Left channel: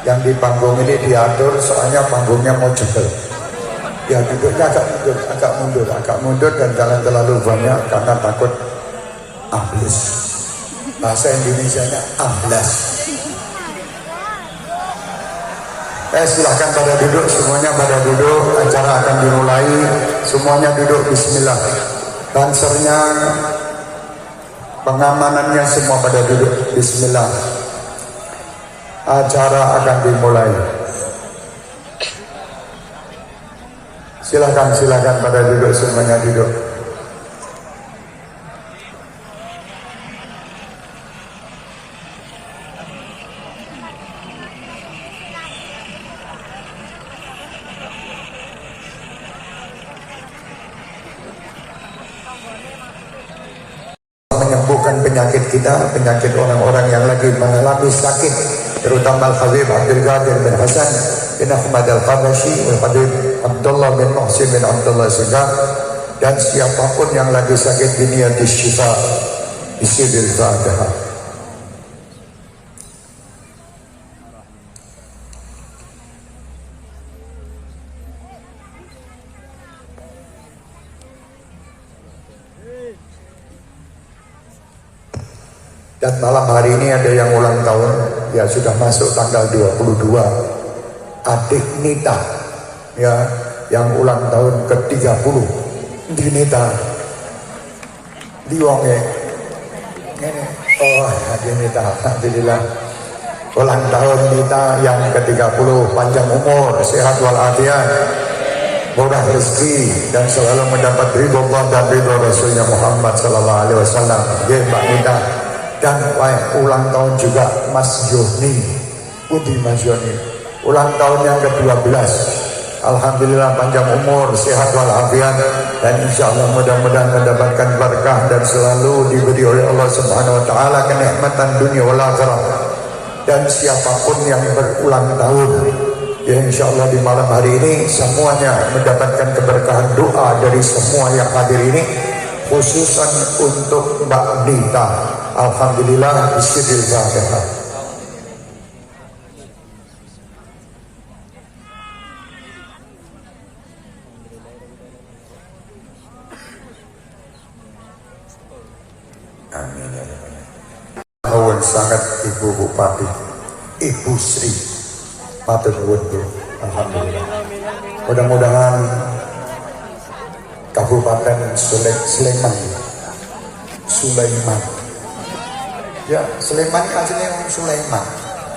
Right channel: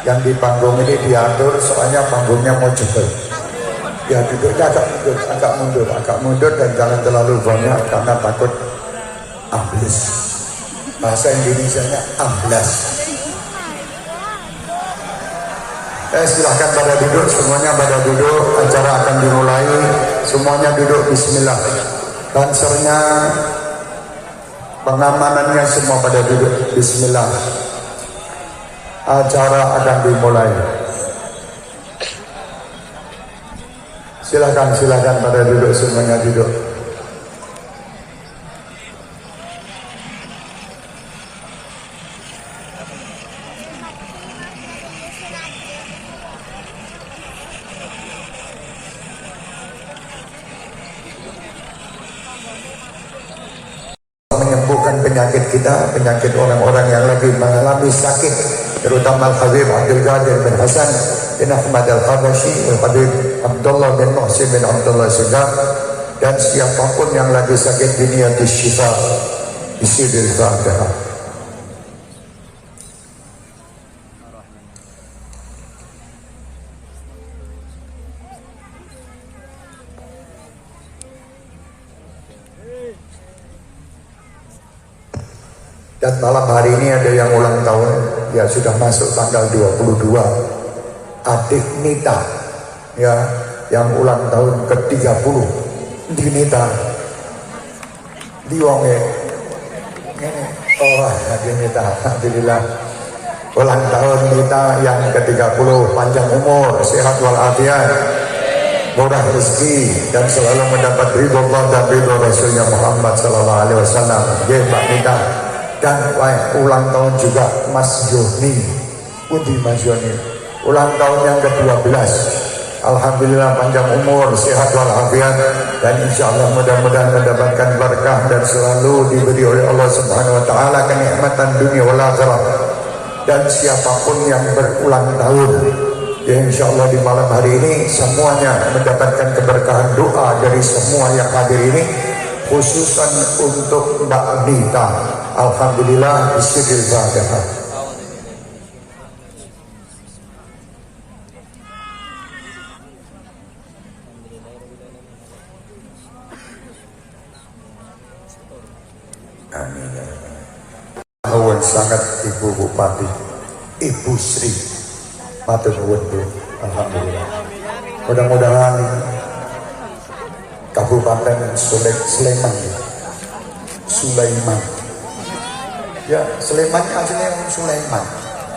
Yang di panggung ini diatur soalnya panggungnya mau jebol. Ya duduknya agak mundur dan jangan terlalu banyak karena takut ablis. Bahasa Indonesianya ablas. Silahkan pada duduk, semuanya pada duduk. Acara akan dimulai. Semuanya duduk. Bismillah. Dansernya, pengamanannya semua pada duduk. Bismillah. Acara akan dimulai. Silakan pada duduk, semuanya duduk. Menyembuhkan penyakit kita, penyakit orang-orang yang lagi mengalami sakit, terutama Al-Habib Abdul Qadir bin Hasan bin Ahmad Al-Habashi, Al-Habib Abdullah bin Muhsin bin Abdullah Segaf, dan siapapun yang lagi sakit dunia di syifa isi bil Fatihah. Dan malam hari ini ada yang ulang tahun, ya sudah masuk tanggal 22, adik Nita, ya, yang ulang tahun ke-30, di Nita, Liongnya, oh adik Nita, alhamdulillah, ulang tahun Nita yang ke-30, panjang umur, sehat walafiat, murah rezeki, dan selalu mendapat ridho Allah dan ridho Rasulnya Muhammad SAW. Mbak Nita. Dan ulang tahun juga Mas Joni, Mas Joni, ulang tahun yang ke-12. Alhamdulillah panjang umur, sehat walafiat, dan insya Allah mudah-mudahan mendapatkan berkah dan selalu diberi oleh Allah Subhanahu Wa Taala kenikmatan dunia wal akhirah. Dan siapapun yang berulang tahun, ya insya Allah di malam hari ini semuanya mendapatkan keberkahan doa dari semua yang hadir ini, khususan untuk Mbak Nita. Alhamdulillah, Bismillahirrahmanirrahim. Amin. Nuwun sangat Ibu Bupati, Ibu Sri, matur nuwun. Alhamdulillah. Mudah-mudahan Kabupaten Sulaiman. Ya, Sulaiman aslinya ngomong Sulaiman.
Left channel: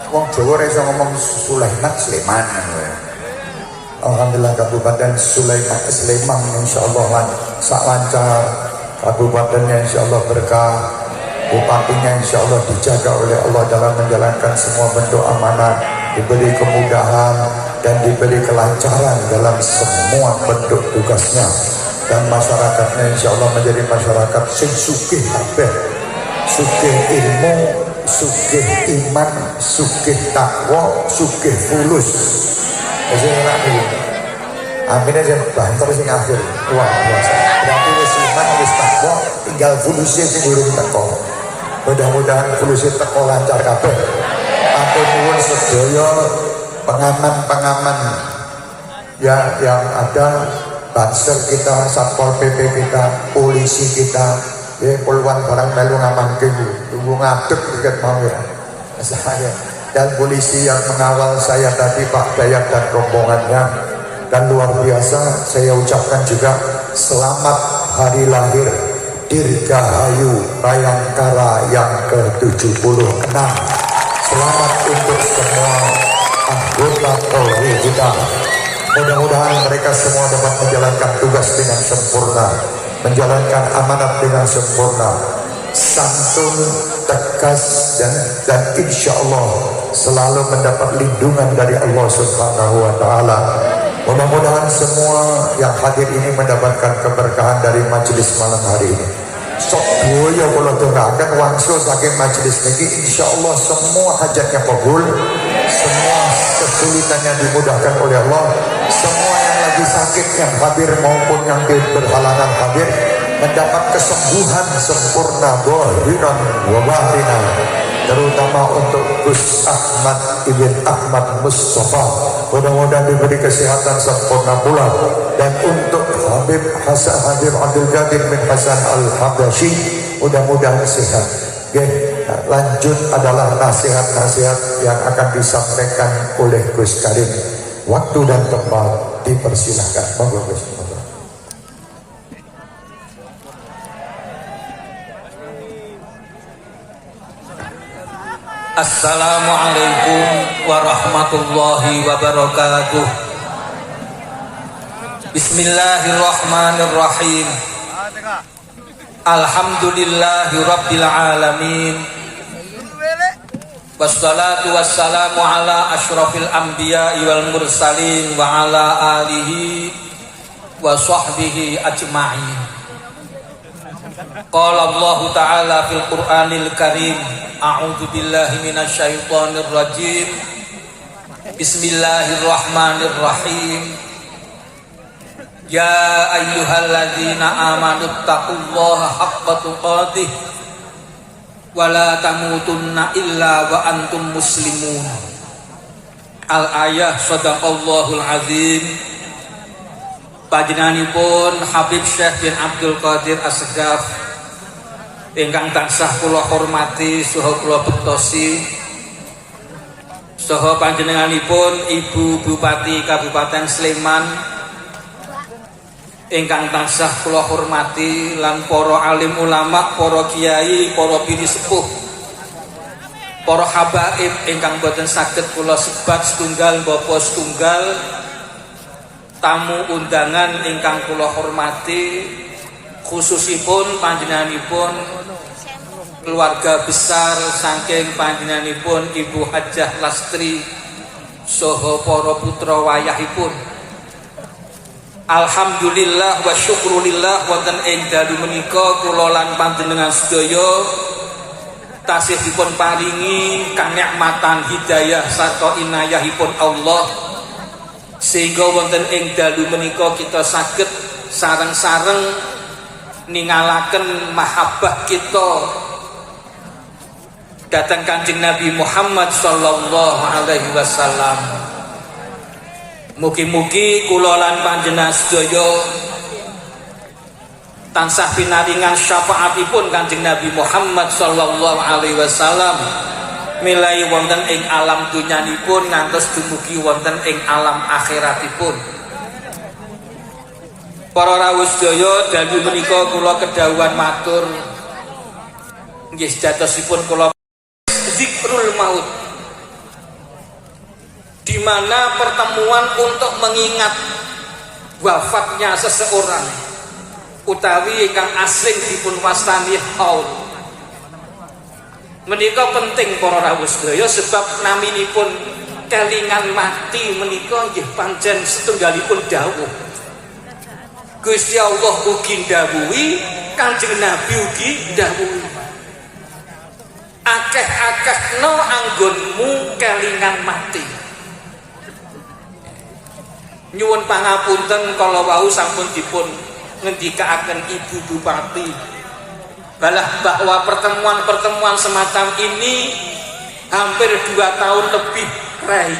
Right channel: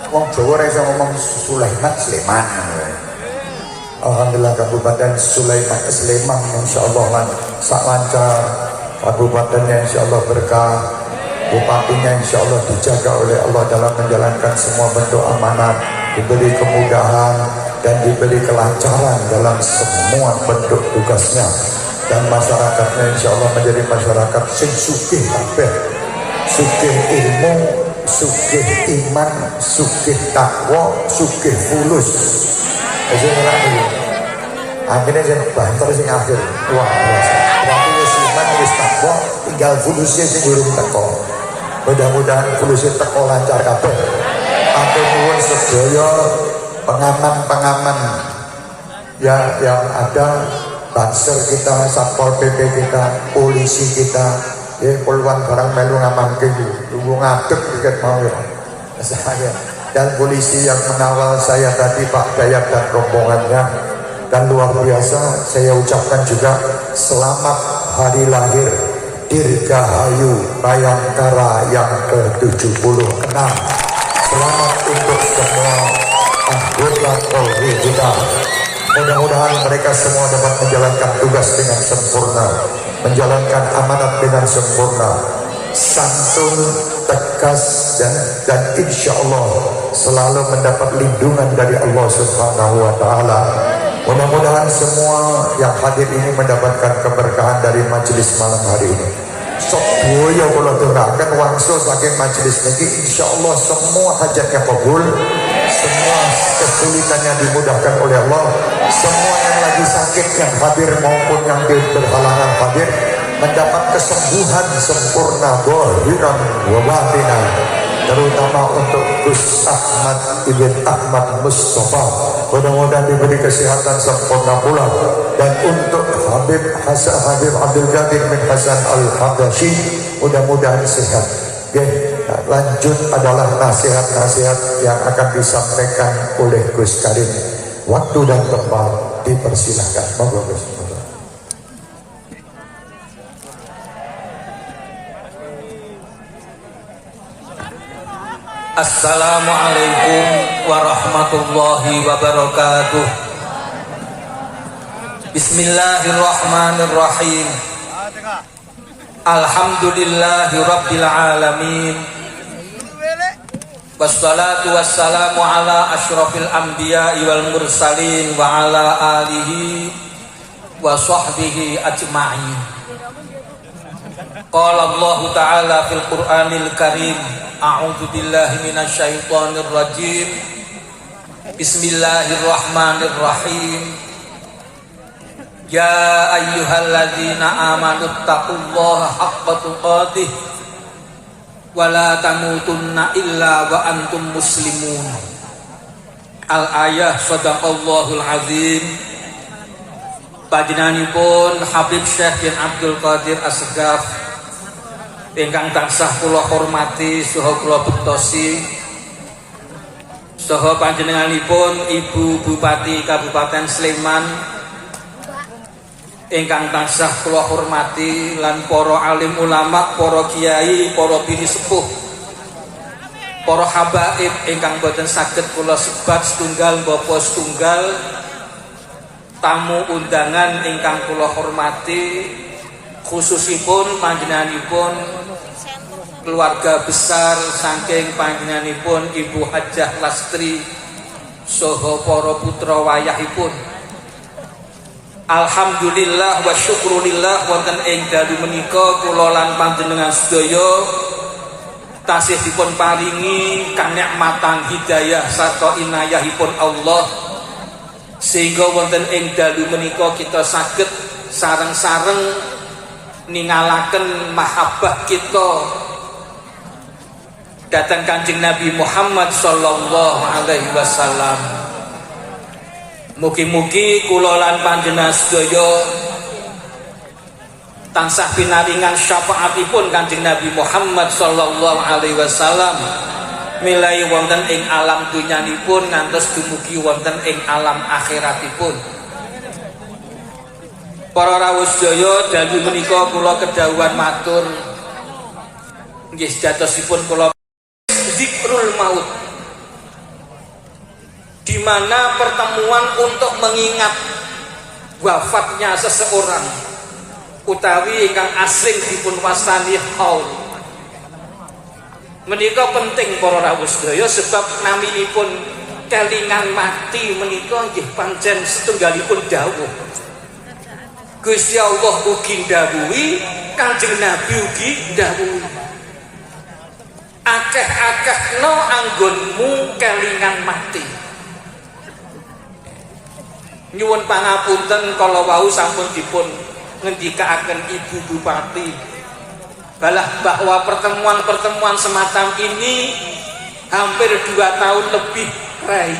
Wong Jawa ora iso ngomong Sulaiman, Sleman. Alhamdulillah Kabupaten Sleman insyaallah sak lancar. Kabupatennya insyaallah berkah. Bupatinya insyaallah dijaga oleh Allah dalam menjalankan semua bentuk amanah, diberi kemudahan dan diberi kelancaran dalam semua bentuk tugasnya. Dan masyarakatnya insyaallah menjadi masyarakat sing sugih kabeh. Sugih ilmu, sugih iman, sugih takwa, sugih fulus. Jadi enak ini. Akhirnya saya banter sing akhir. Wah biasa. Berarti wis iman, wis takwa, tinggal fulusnya sing urung teko. Mudah-mudahan fulusnya teko lancar kabeh. Atur nuwun sedaya pengaman-pengaman ya yang ada, banser kita, satpol pp kita, polisi kita. Ya, puluhan barang melu ngamanke tunggu ngadeg tiket mau ya. Saya dan polisi yang mengawal saya tadi Pak Dayat dan rombongannya, dan luar biasa saya ucapkan juga selamat hari lahir Dirgahayu Bayangkara yang ke-76. Selamat untuk semua anggota Polri kita. Mudah-mudahan mereka semua dapat menjalankan tugas dengan sempurna, menjalankan amanat dengan sempurna, santun, tegas, dan insya Allah selalu mendapat lindungan dari Allah Subhanahu wa Ta'ala. Mudah-mudahan semua yang hadir ini mendapatkan keberkahan dari majelis malam hari ini. Sebuah kalau doakan wangsul saking majelis ini, insya Allah semua hajatnya kabul, semua kesulitannya dimudahkan oleh Allah, semua yang lagi sakit yang hadir maupun yang berhalangan hadir mendapat kesembuhan sempurna zahiran wa batinan, terutama untuk Gus Ahmad Ibn Ahmad Mustafa, mudah-mudahan diberi kesehatan sempurna pula, dan untuk Habib Abdul Qadir bin Hasan Al-Habashi mudah-mudahan sehat. Oke, lanjut adalah nasihat-nasihat yang akan disampaikan oleh Gus Karim. Waktu dan tempat dipersilahkan. Monggo Gus. Assalamualaikum warahmatullahi wabarakatuh. Bismillahirrahmanirrahim. Alhamdulillahi rabbil alamin. Wassalatu wassalamu ala asyrafil anbiya'i wal mursalin wa ala alihi wa sahbihi ajma'in. Qala Allah Ta'ala fil Qur'anil Karim, a'udzu billahi minasyaitonir rajim. Bismillahirrahmanirrahim. Ya ayyuhalladzina amanu taqullaha haqqa tuqatih wa la tamutunna illa wa antum muslimun. Al-ayah, sadaqallahul azim. Panjenenganipun Habib Syekh bin Abdul Qadir As-Segaf ingkang tansah kula hormati saha kula bektosi, saha panjenenganipun Ibu Bupati Kabupaten Sleman ingkang tansah kula hormati, lan para alim ulama, para kiai, para bini sepuh, para habaib ingkang boten saged kula sebat setunggal bapa setunggal, tamu undangan ingkang kula hormati, khususipun panjenenganipun keluarga besar saking panjenenganipun Ibu Hajah Lastri saha para putra wayahipun. Alhamdulillah wa syukrulillah wonten ing dalu menika kula lan panjenengan sedaya tasih dipun paringi kanikmatan hidayah sarta inayahipun Allah, sehingga wonten ing dalu menika kita saged sareng-sareng ningalaken mahabbah kita datang Kanjeng Nabi Muhammad sallallahu alaihi wasallam. Mugi-mugi kula lan panjenengan sedaya tansah pinaringan syafaatipun Kanjeng Nabi Muhammad sallallahu alaihi wasallam milai wonten ing alam dunyanipun ngantos dumugi wonten ing alam akhiratipun. Para rawuh sedaya, dalu menika kula kedhawuhan matur nggih jatosipun kula zikrul maut, di mana pertemuan untuk mengingat wafatnya seseorang utawi ingkang asring dipun wastani haul. Menika penting para rawuh sedaya, sebab naminipun kelingan mati menika nggih pancen setunggalipun dawuh Gusti Allah ugi ndhawuhi, Kanjeng Nabi ugi ndhawuhi. Akeh-akehno anggonmu kelingan mati. Nyuwun pangapunten kala wau sampun dipun ngendikaaken Ibu Bupati bahwa pertemuan-pertemuan semacam ini hampir 2 tahun lebih rai.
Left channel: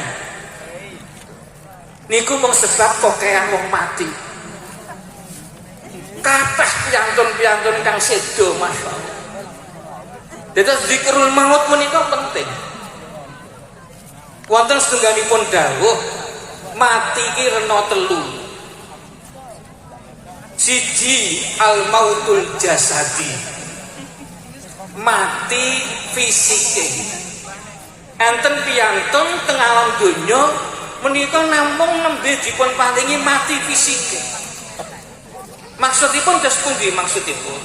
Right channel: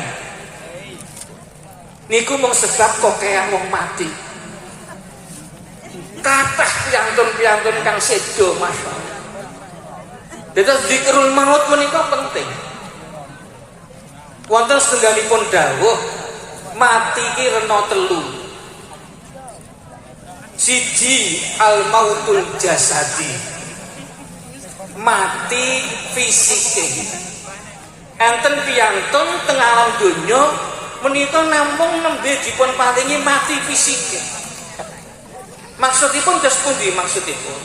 Niku mung sebab kokean wong mati. Kathah piantun-piantun kang sedo masyaallah. Dados zikrul maut menika penting. Wonten setunggalipun dawuh mati ki rena 3. Siji al mautul jasadi, mati fisike. enten piyantun teng alam donya menika namung nembe dipun paringi mati fisike. Maksudipun dos pundi maksudipun?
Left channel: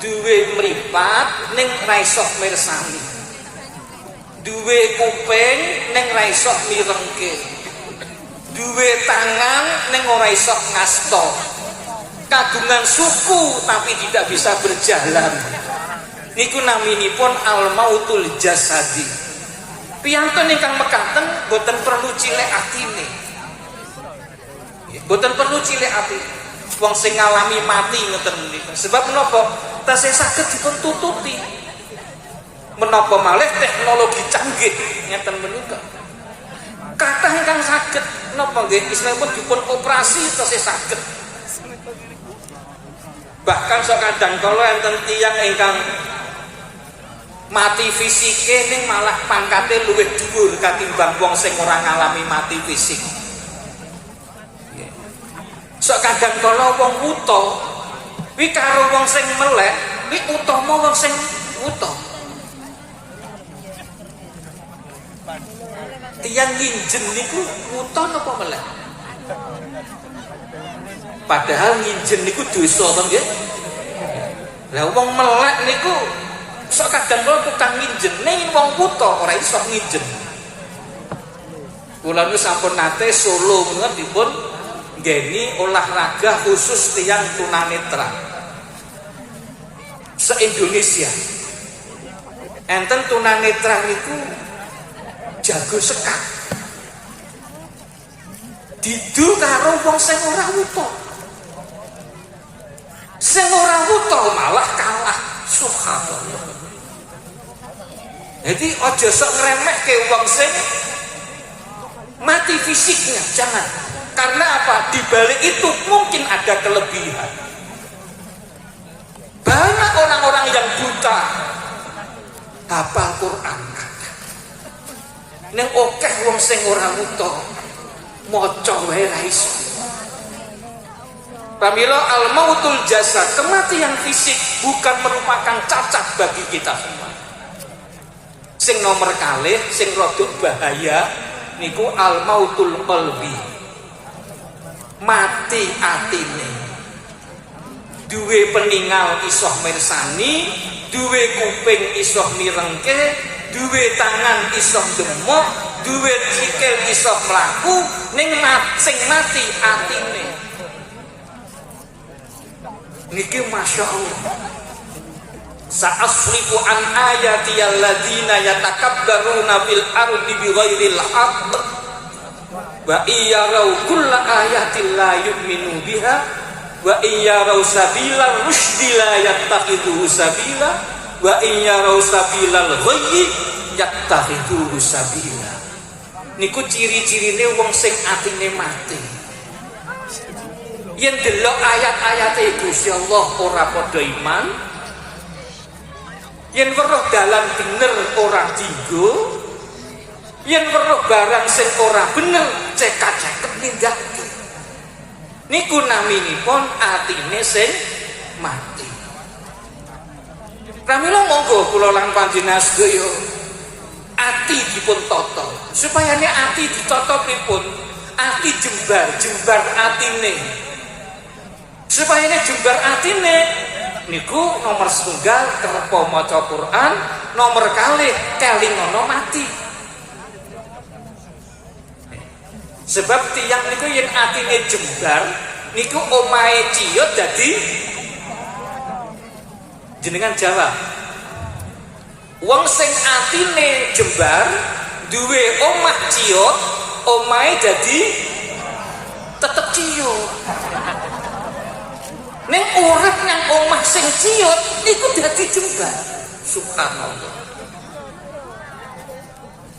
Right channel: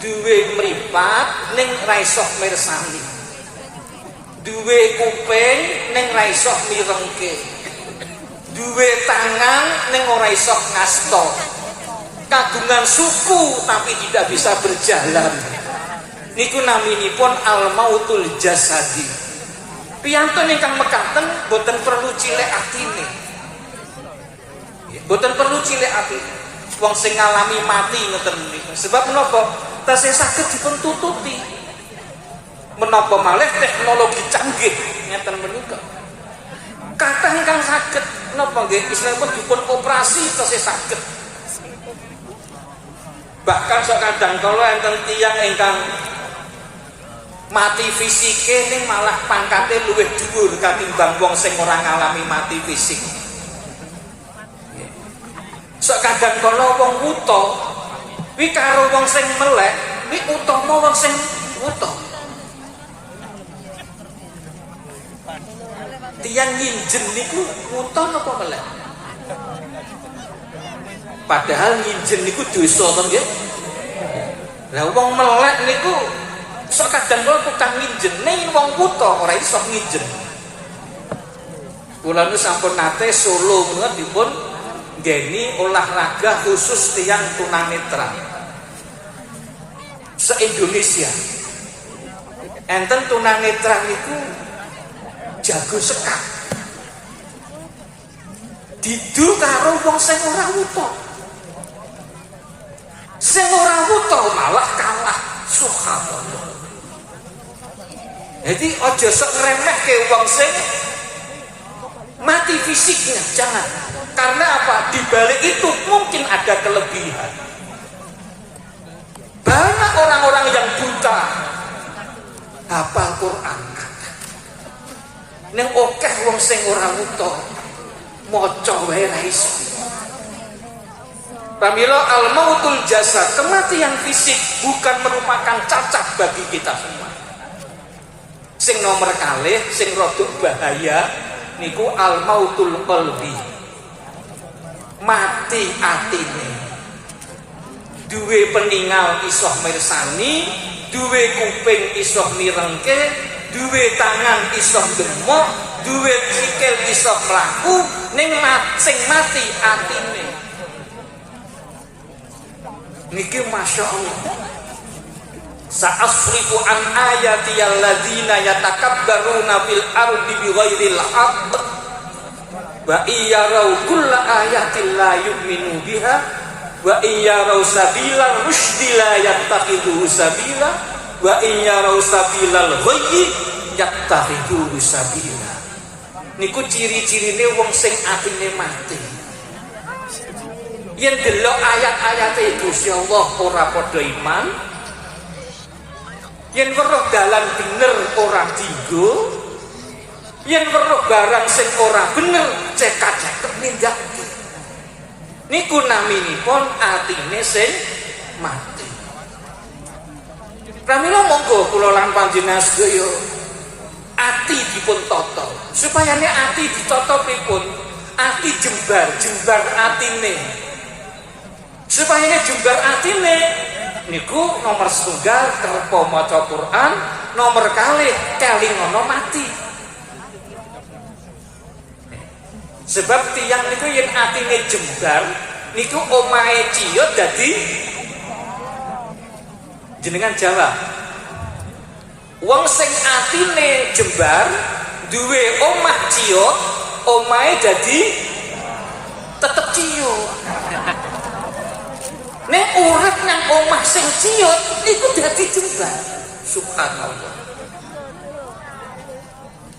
Duwe mripat ning ra iso mirsani. Duwe kuping ning ra iso mirengke. Duwe tangan ning ora iso ngasta. Kagungan suku tapi tidak bisa berjalan. Niku naminipun al-mautul jasadi. Piyantun ingkang mekaten boten perlu cilik atine. Boten perlu cilik atine. Wong sing ngalami mati ngeten menika. Sebab menapa? Tasih saged dipun tututi. Menapa malih teknologi canggih ngeten menika. Kathah ingkang saged napa nggih istilahipun dipun operasi tasih saged. Bahkan sakadang kala enten tiyang ingkang mati fisike ning malah pangkate luwih dhuwur katimbang wong sing ora ngalami mati fisik. Sakadang kala wong wuta kuwi karo wong sing melek kuwi utama wong sing wuta. Tiyang nginjen niku wuta napa melek? Padahal nginjen niku dosa to nggih. Lah wong melek niku sok kadang kala tukang nginjen ning wong wuta ora iso nginjen. Kula niku sampun nate Solo menika dipun nggeni olahraga khusus tiyang tunanetra. Se-Indonesia. Enten tunanetra niku jago sekak. Didu karo wong sing ora wuta. Sing ora wuta malah kalah. Subhanallah. Jadi aja sok ngremehke wong sing mati fisiknya, jangan. Karena apa? Di balik itu mungkin ada kelebihan. Banyak orang-orang yang buta hafal Quran. Ning akeh wong sing ora wuta maca wae ra iso. Pamila al-mautul jasad, kematian fisik bukan merupakan cacat bagi kita. Sing nomor kalih sing rada bahaya niku al-mautul qalbi. Mati atine. Duwe peningal iso mirsani, duwe kuping iso mirengke, duwe tangan iso demok, duwe sikil iso mlaku, ning sing mati atine. Niki Masya Allah. Sa'asrifu an ayati alladzina yatakabbaruna fil ardi bighairil haqq wa iyarau kulla ayatin la yu'minu biha wa iyarau sabilal rusdi la yattakhidhu sabila wa iyarau sabilal ghayyi yattakhidhu sabila. Niku ciri-cirine wong sing atine mati. Yen delok ayat-ayate Gusti Allah ora padha iman, yen weruh dalan bener ora dienggo, yen weruh barang sing ora bener cekat-cekat nindakake. Niku naminipun atine sing mati. Pramila monggo kula lan panjenengan sedaya ati dipun tata. Supayane ati ditatapipun, ati jembar atine. Supayane jembar atine niku nomor setunggal kerep maca Quran, nomor kalih kelingono mati. Sebab tiyang niku yen atine jembar niku omahe ciyut dadi jenengan Jawa. Wong sing atine jembar duwe omah ciyut, omahe dadi tetep ciyut. Nek urip nang omah sing ciyut iku dadi jembar. Subhanallah.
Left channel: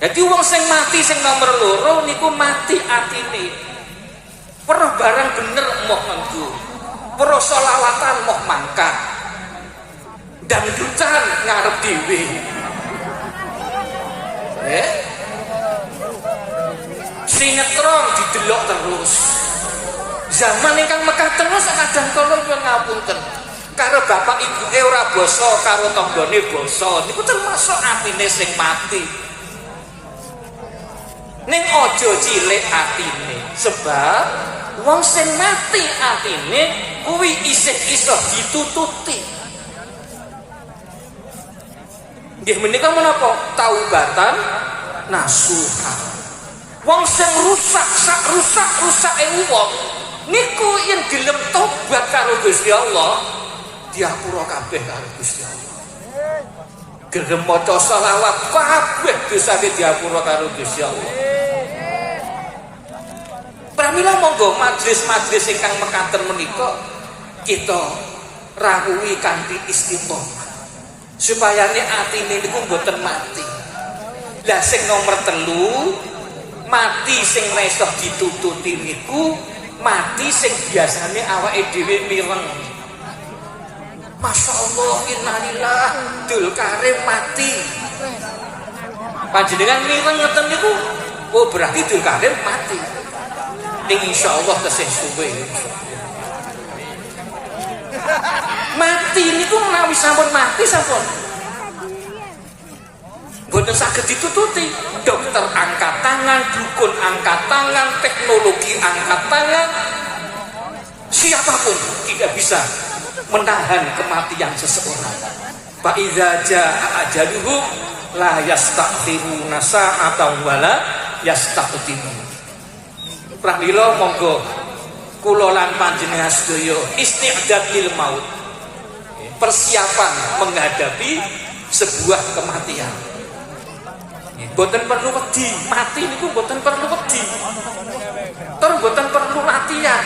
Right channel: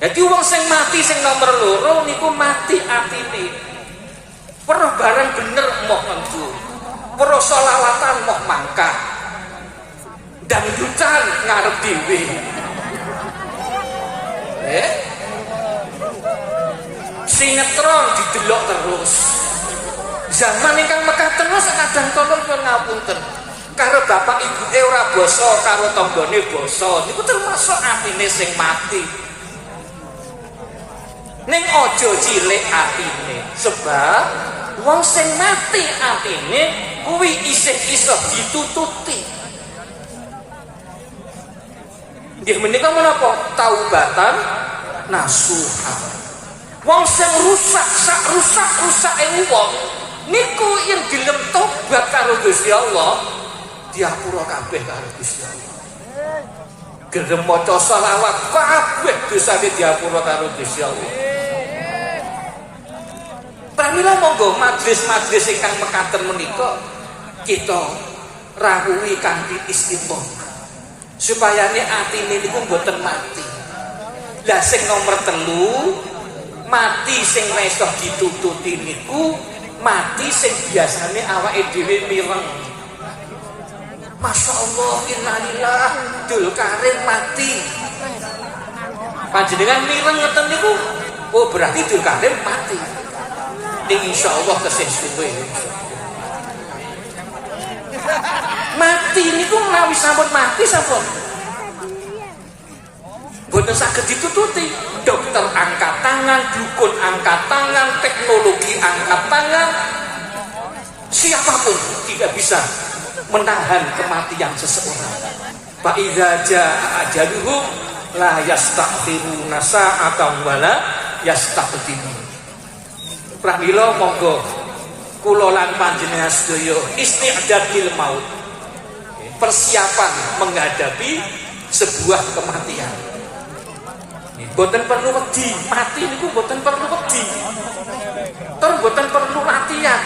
Jadi wong sing mati sing nomor loro niku mati atine. Weruh barang bener moh nganggo. Weruh selawatan moh mangkat. Dangdutan ngarep dhewe. Sinetron didelok terus. Zaman ingkang mekar terus kadang kala ngapunten. Karo bapak ibuke ora basa, karo tanggane basa. Niku termasuk atine sing mati. ning aja cilik atine, sebab wong sing mati atine kuwi isih iso ditututi. Nggih menika menapa taubatan nasuha. Wong sing rusak wong niku yen gelem tobat karo Gusti Allah diapura kabeh karo Gusti Allah. Gelem maca selawat kabeh dosane diapura karo Gusti Allah. Pramila monggo majelis-majelis ingkang mekaten menika kita rawuhi kanthi istiqomah supaya atine niku mboten mati. Lah sing nomor 3 mati sing ora iso ditututi niku mati sing biasane awake dhewe mireng. Masya Allah, innalillah, Dulkarim mati. Panjenengan mireng ngeten niku, oh berarti Dulkarim mati. Ning insyaallah tesih suwe. Mati niku menawi sampun mati sampun boten saged ditututi. Dokter angkat tangan, dukun angkat tangan, teknologi angkat tangan, siapapun tidak bisa menahan kematian seseorang. Fa iza jaa ajaluhum la yastakhiruna sa'atan wala yastaqdimun. Pramila monggo kula lan panjenengan sedaya isti'dad lil maut. Persiapan menghadapi sebuah kematian. Boten perlu wedi, mati niku boten perlu wedi. Tur boten perlu latihan.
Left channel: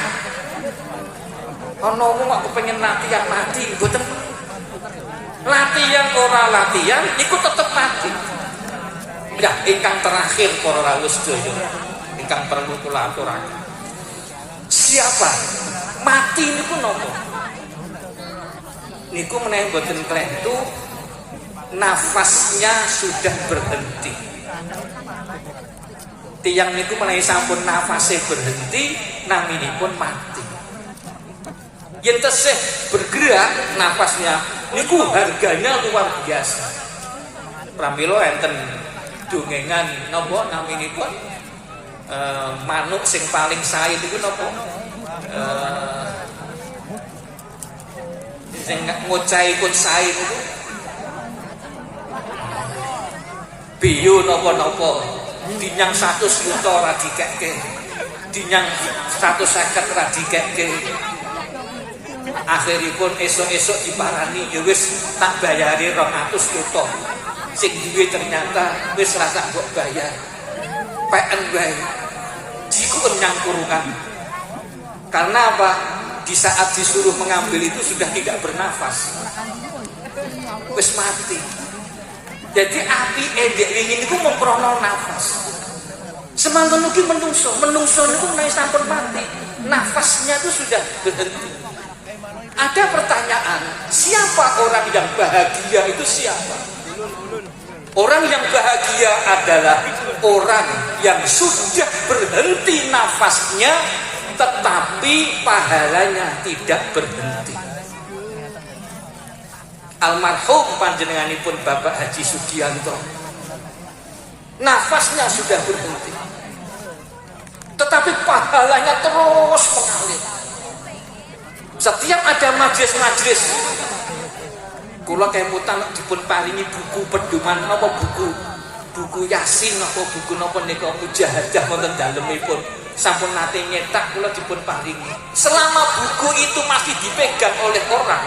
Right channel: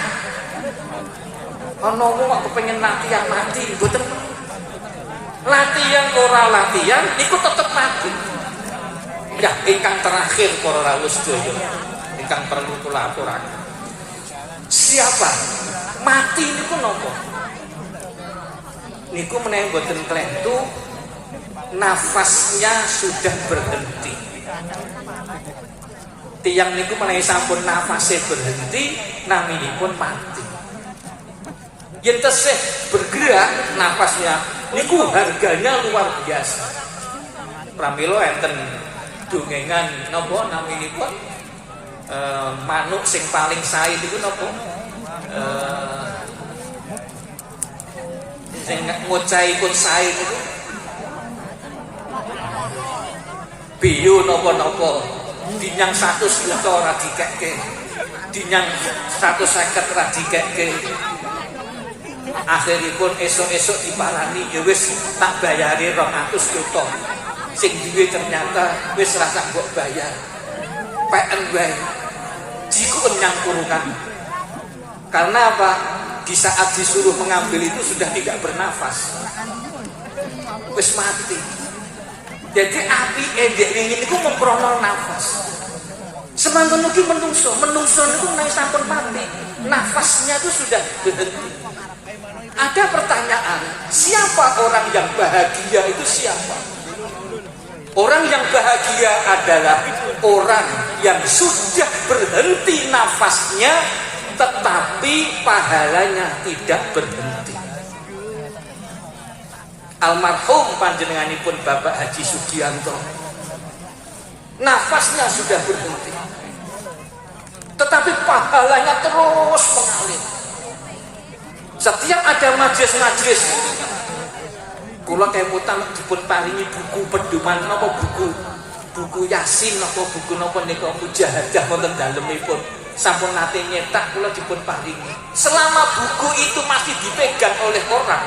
Ana wong kok kepengin latihan mati, boten. Latihan ora latihan niku tetep mati. Ya, ingkang terakhir para rawuh sedaya. Ingkang perlu kula aturaken. Siapa? Mati niku napa? Niku menawi boten klentu nafasnya sudah berhenti. Tiyang niku menawi sampun nafasnya berhenti, naminipun mati. Yen tesih bergerak nafasnya, niku harganya luar biasa. Pramila enten dongengan napa naminipun manuk sing paling sae niku napa? Sing ngocaipun sae niku biyu napa-napa dinyang 100 juta ora dikekke, dinyang 150 ora dikekke. Akhiripun esuk-esuk diparani ya wis tak bayari 200 juta. Sing duwe ternyata wis ora sak mbok bayar. PN gawe. Jiku nyang kurungan. Karena apa? Di saat disuruh mengambil itu sudah tidak bernafas. Wis mati. Jadi api endek ingin itu memperoleh nafas. Semangkon lagi menungso itu naik sampun mati. Nafasnya itu sudah berhenti. Ada pertanyaan, siapa orang yang bahagia itu siapa? Orang yang bahagia adalah orang yang sudah berhenti nafasnya, tetapi pahalanya tidak berhenti. Almarhum panjenenganipun Bapak Haji Sugianto, nafasnya sudah berhenti, tetapi pahalanya terus mengalir. Setiap ada majelis-majelis, kula kemutan dipun paringi buku pedoman apa buku Yasin atau buku napa nika mujahadah wonten dalemipun. Sampun nate nyetak kula dipun paringi. Selama buku itu masih dipegang oleh orang,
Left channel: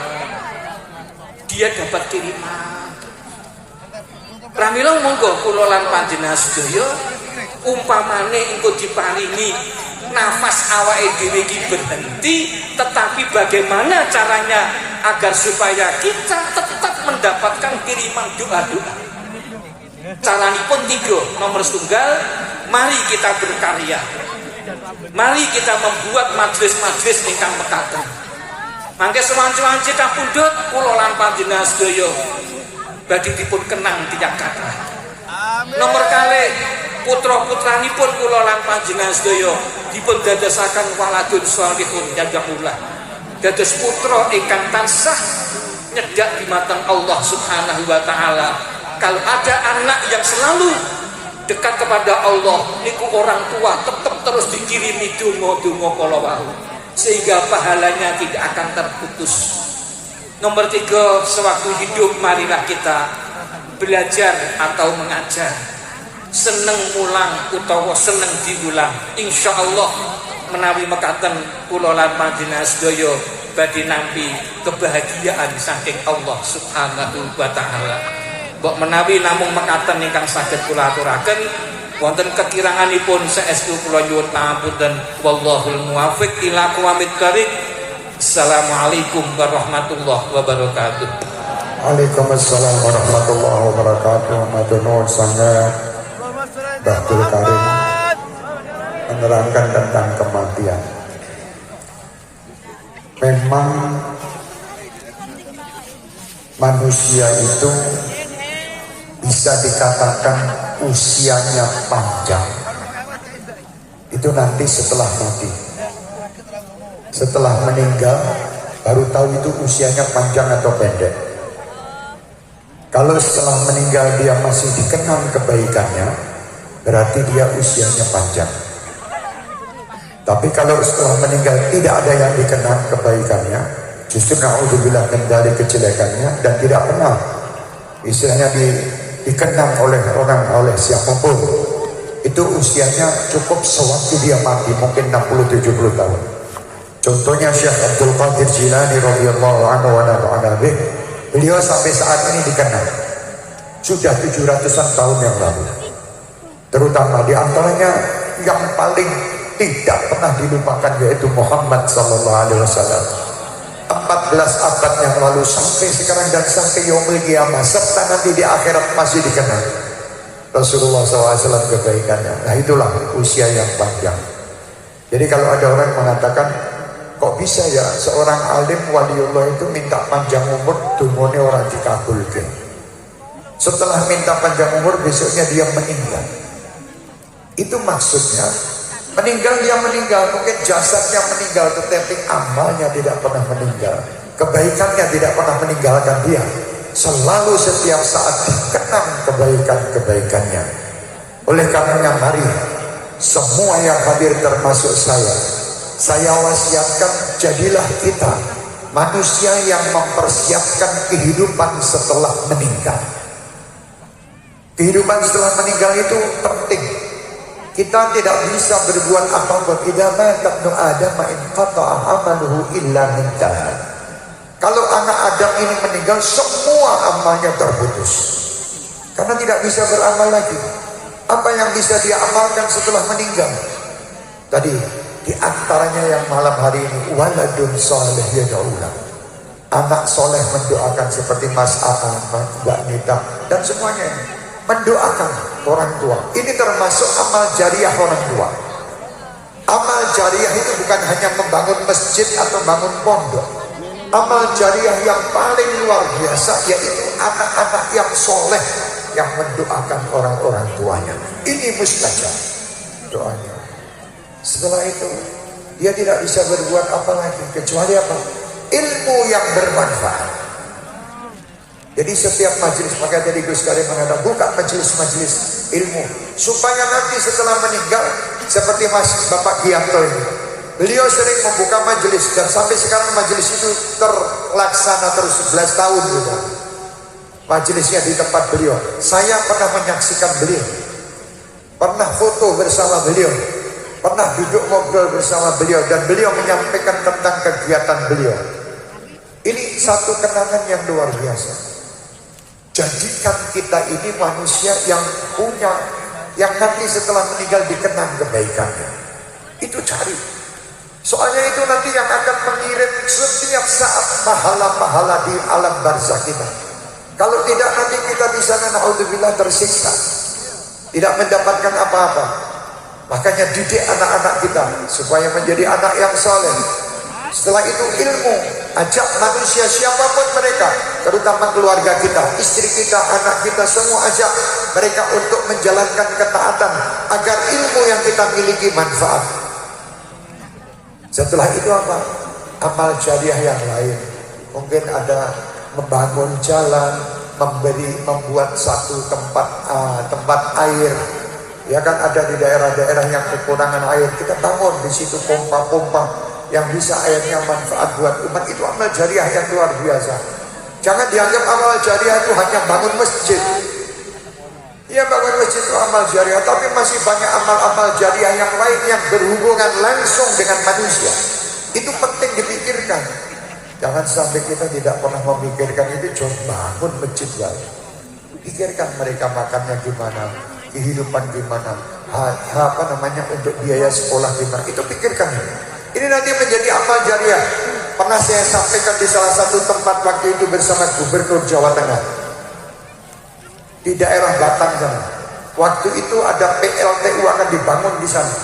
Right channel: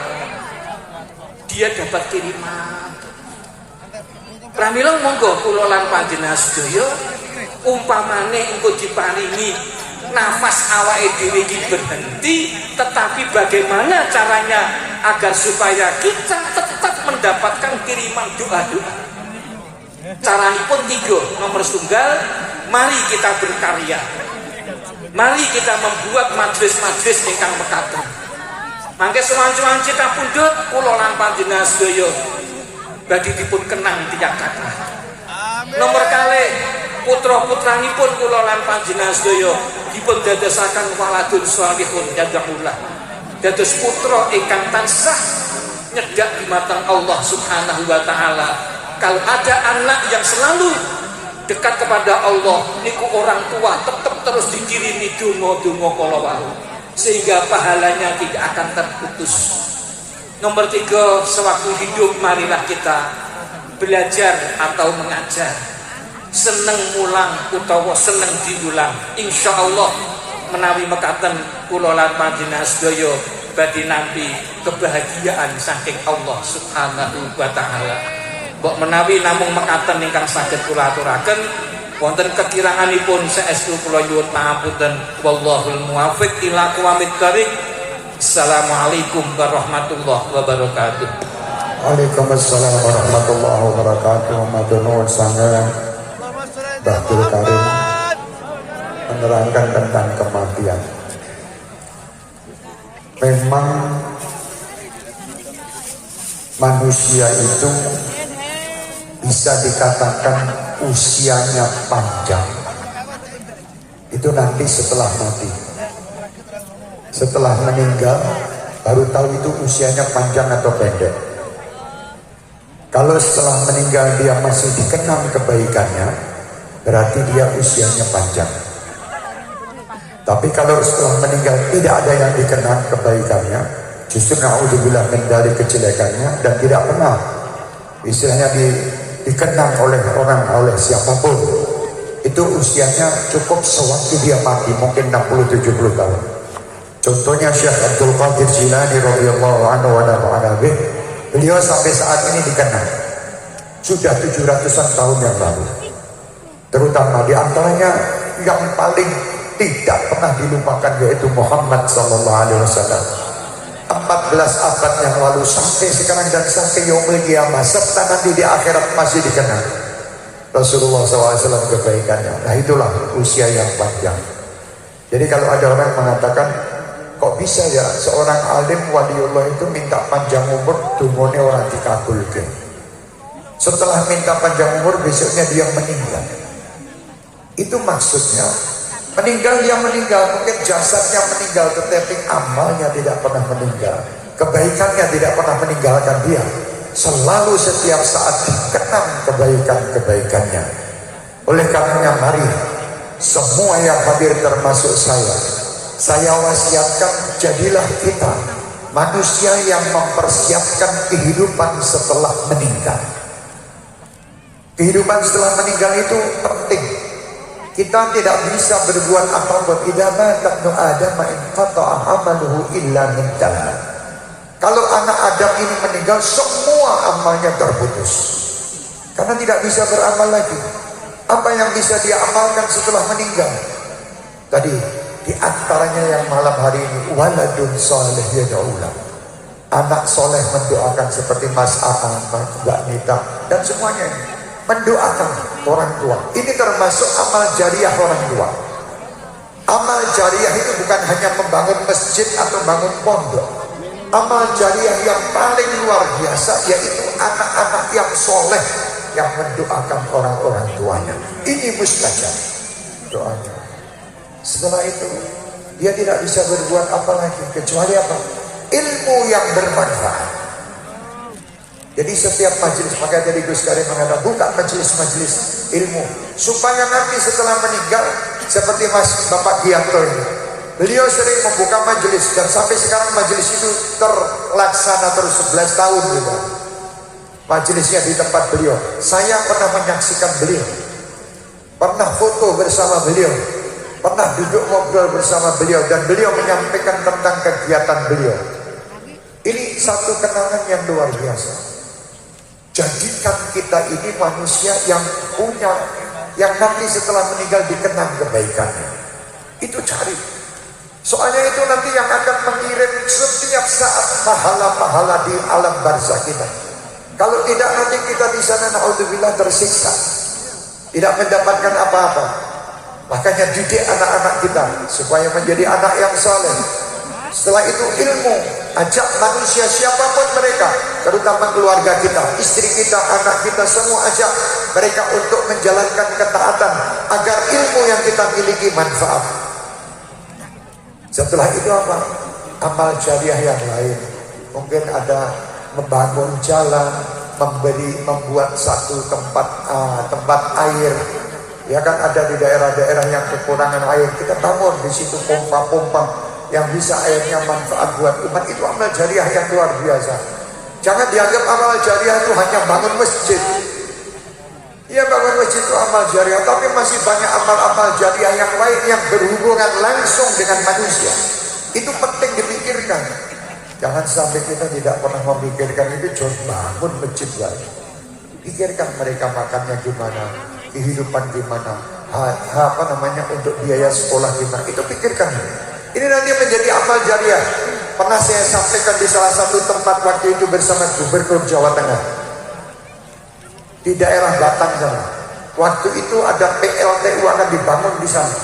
dia dapat kiriman. Pramila monggo kula lan panjenengan sedaya umpamane engko diparingi nafas awake dhewe iki berhenti, tetapi bagaimana caranya agar supaya kita tetap mendapatkan kiriman doa-doa. Caranipun 3, nomor 1, mari kita berkarya. Mari kita membuat majelis-majelis ingkang mekaten. Mangke sewanci-wanci kapundhut kula lan panjenengan sedaya badhe dipun kenang tiyang kathah. Nomor 2, putra-putranipun kula lan panjenengan sedaya dipun dadosaken waladun shalihun yad'ullah. Dados putra ingkang tansah nyedak di mata Allah Subhanahu wa taala. Kalau ada anak yang selalu dekat kepada Allah niku orang tua tetap terus dikirimi donga-donga kala wau sehingga pahalanya tidak akan terputus. Nomor 3, sewaktu hidup marilah kita belajar atau mengajar, seneng mulang utawa seneng diulang. Insyaallah menawi mekaten kula lan panjenengan sedaya badhe nampi kebahagiaan saking Allah Subhanahu wa taala. Mbok menawi namung mekaten ingkang saged kula aturaken, wonten kekiranganipun saestu kula nyuwun pangapunten. Wallahul muwaffiq ila aqwamit thoriq. Assalamualaikum warahmatullahi wabarakatuh. Waalaikumsalam warahmatullahi wabarakatuh. Matur sangat Abdul Karim menerangkan tentang kematian. Memang manusia itu bisa dikatakan usianya panjang. Itu nanti setelah mati. Setelah meninggal baru tahu itu usianya panjang atau pendek. Kalau setelah meninggal dia masih dikenang kebaikannya, berarti dia usianya panjang. Tapi kalau setelah meninggal tidak ada yang dikenang kebaikannya, justru naudzubillah min dzalik kejelekannya, dan tidak pernah istilahnya dikenang oleh orang, oleh siapapun, itu usianya cukup sewaktu dia mati, mungkin 60-70 tahun. Contohnya Syekh Abdul Qadir Jilani radhiyallahu anhu wa nafa'ana bih, beliau sampai saat ini dikenang sudah 700-an tahun yang lalu. Terutama di antaranya yang paling tidak pernah dilupakan yaitu Muhammad sallallahu alaihi wasallam. 14 abad yang lalu sampai sekarang dan sampai yaumul qiyamah serta nanti di akhirat masih dikenal Rasulullah SAW kebaikannya. Nah itulah usia yang panjang. Jadi kalau ada orang mengatakan kok bisa ya seorang alim waliullah itu minta panjang umur, dungone orang dikabulkan. Setelah minta panjang umur besoknya dia meninggal. Itu maksudnya meninggal dia meninggal, mungkin jasadnya meninggal tetapi amalnya tidak pernah meninggal, kebaikannya tidak pernah meninggalkan dia. Selalu setiap saat dikenang kebaikan-kebaikannya. Oleh karenanya mari semua yang hadir termasuk saya wasiatkan, jadilah kita manusia yang mempersiapkan kehidupan setelah meninggal. Kehidupan setelah meninggal itu penting. Kita tidak bisa berbuat apa-apa. Idza mata ibnu Adam in qata'a amaluhu illa min thalath. Kalau anak Adam ini meninggal, semua amalnya terputus. Karena tidak bisa beramal lagi. Apa yang bisa dia amalkan setelah meninggal? Tadi di antaranya yang malam hari ini, waladun salih yad'ulah. Anak soleh mendoakan seperti Mas Akang, Mbak Nita dan semuanya mendoakan orang tua. Ini termasuk amal jariah orang tua. Amal jariah itu bukan hanya membangun masjid atau bangun pondok. Amal jariah yang paling luar biasa yaitu anak-anak yang soleh yang mendoakan orang-orang tuanya. Ini mustajab doanya. Setelah itu dia tidak bisa berbuat apa lagi kecuali apa? Ilmu yang bermanfaat. Jadi setiap majelis, maka jadi Gus Karim mengatakan buka majelis-majelis ilmu supaya nanti setelah meninggal seperti Mas Bapak Gianto ini, beliau sering membuka majelis dan sampai sekarang majelis itu terlaksana terus 11 tahun juga. Majelisnya di tempat beliau. Saya pernah menyaksikan beliau, pernah foto bersama beliau, pernah duduk ngobrol bersama beliau dan beliau menyampaikan tentang kegiatan beliau. Ini satu kenangan yang luar biasa. Jadikan kita ini manusia yang punya, yang nanti setelah meninggal dikenang kebaikannya. Itu cari. Soalnya itu nanti yang akan mengirim setiap saat pahala-pahala di alam barzakh kita. Kalau tidak nanti kita di sana naudzubillah tersiksa, tidak mendapatkan apa-apa. Makanya didik anak-anak kita supaya menjadi anak yang saleh. Setelah itu ilmu, ajak manusia siapapun mereka, terutama keluarga kita, istri kita, anak kita, semua ajak mereka untuk menjalankan ketaatan agar ilmu yang kita miliki manfaat. Setelah itu apa? Amal jariah yang lain. Mungkin ada membangun jalan, membuat satu tempat air Ya kan ada di daerah-daerah yang kekurangan air, kita bangun di situ pompa-pompa yang bisa airnya manfaat buat umat. Itu amal jariah yang luar biasa. Jangan dianggap amal jariah itu hanya bangun masjid. Ya bangun masjid itu amal jariah, tapi masih banyak amal-amal jariah yang lain yang berhubungan langsung dengan manusia. Itu penting dipikirkan. Jangan sampai kita tidak pernah memikirkan itu. Coba bangun masjid ya. Pikirkan mereka makannya gimana, kehidupan gimana, untuk biaya sekolah gimana. Itu pikirkan. Ini nanti menjadi amal jariah. Pernah saya sampaikan di salah satu tempat waktu itu bersama Gubernur Jawa Tengah di daerah Batang sana. Waktu itu ada PLTU akan dibangun di sana.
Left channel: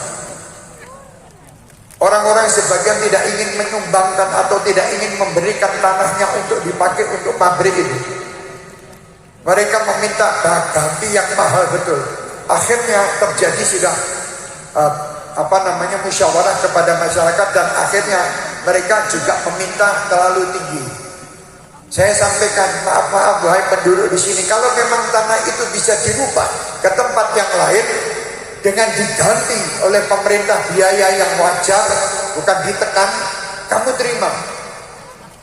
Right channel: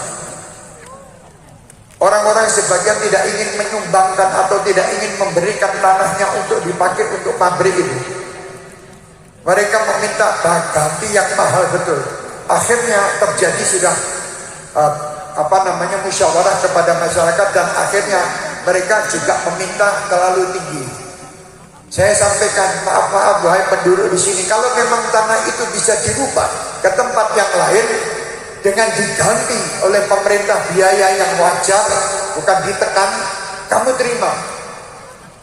Orang-orang sebagian tidak ingin menyumbangkan atau tidak ingin memberikan tanahnya untuk dipakai untuk pabrik itu. Mereka meminta ganti yang mahal betul. Akhirnya terjadi sudah musyawarah kepada masyarakat, dan akhirnya mereka juga meminta terlalu tinggi. Saya sampaikan, maaf wahai penduduk di sini, kalau memang tanah itu bisa dirubah ke tempat yang lain dengan diganti oleh pemerintah biaya yang wajar, bukan ditekan, kamu terima.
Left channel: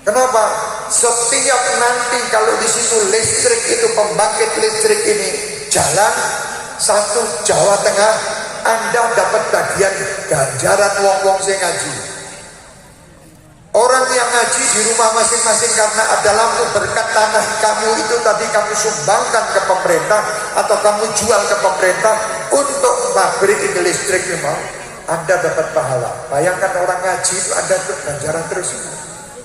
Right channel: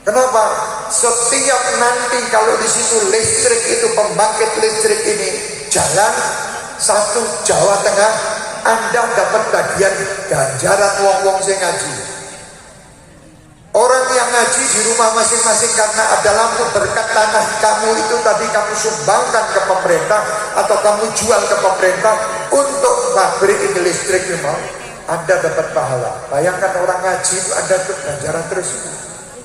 Kenapa? Setiap nanti kalau di situ listrik itu, pembangkit listrik ini jalan satu Jawa Tengah, Anda dapat bagian ganjaran wong-wong sing ngaji. Orang yang ngaji di rumah masing-masing karena ada lampu berkat tanah kamu itu tadi kamu sumbangkan ke pemerintah atau kamu jual ke pemerintah untuk pabrik ini listrik memang Anda dapat pahala. Bayangkan orang ngaji itu Anda dapat ganjaran terus.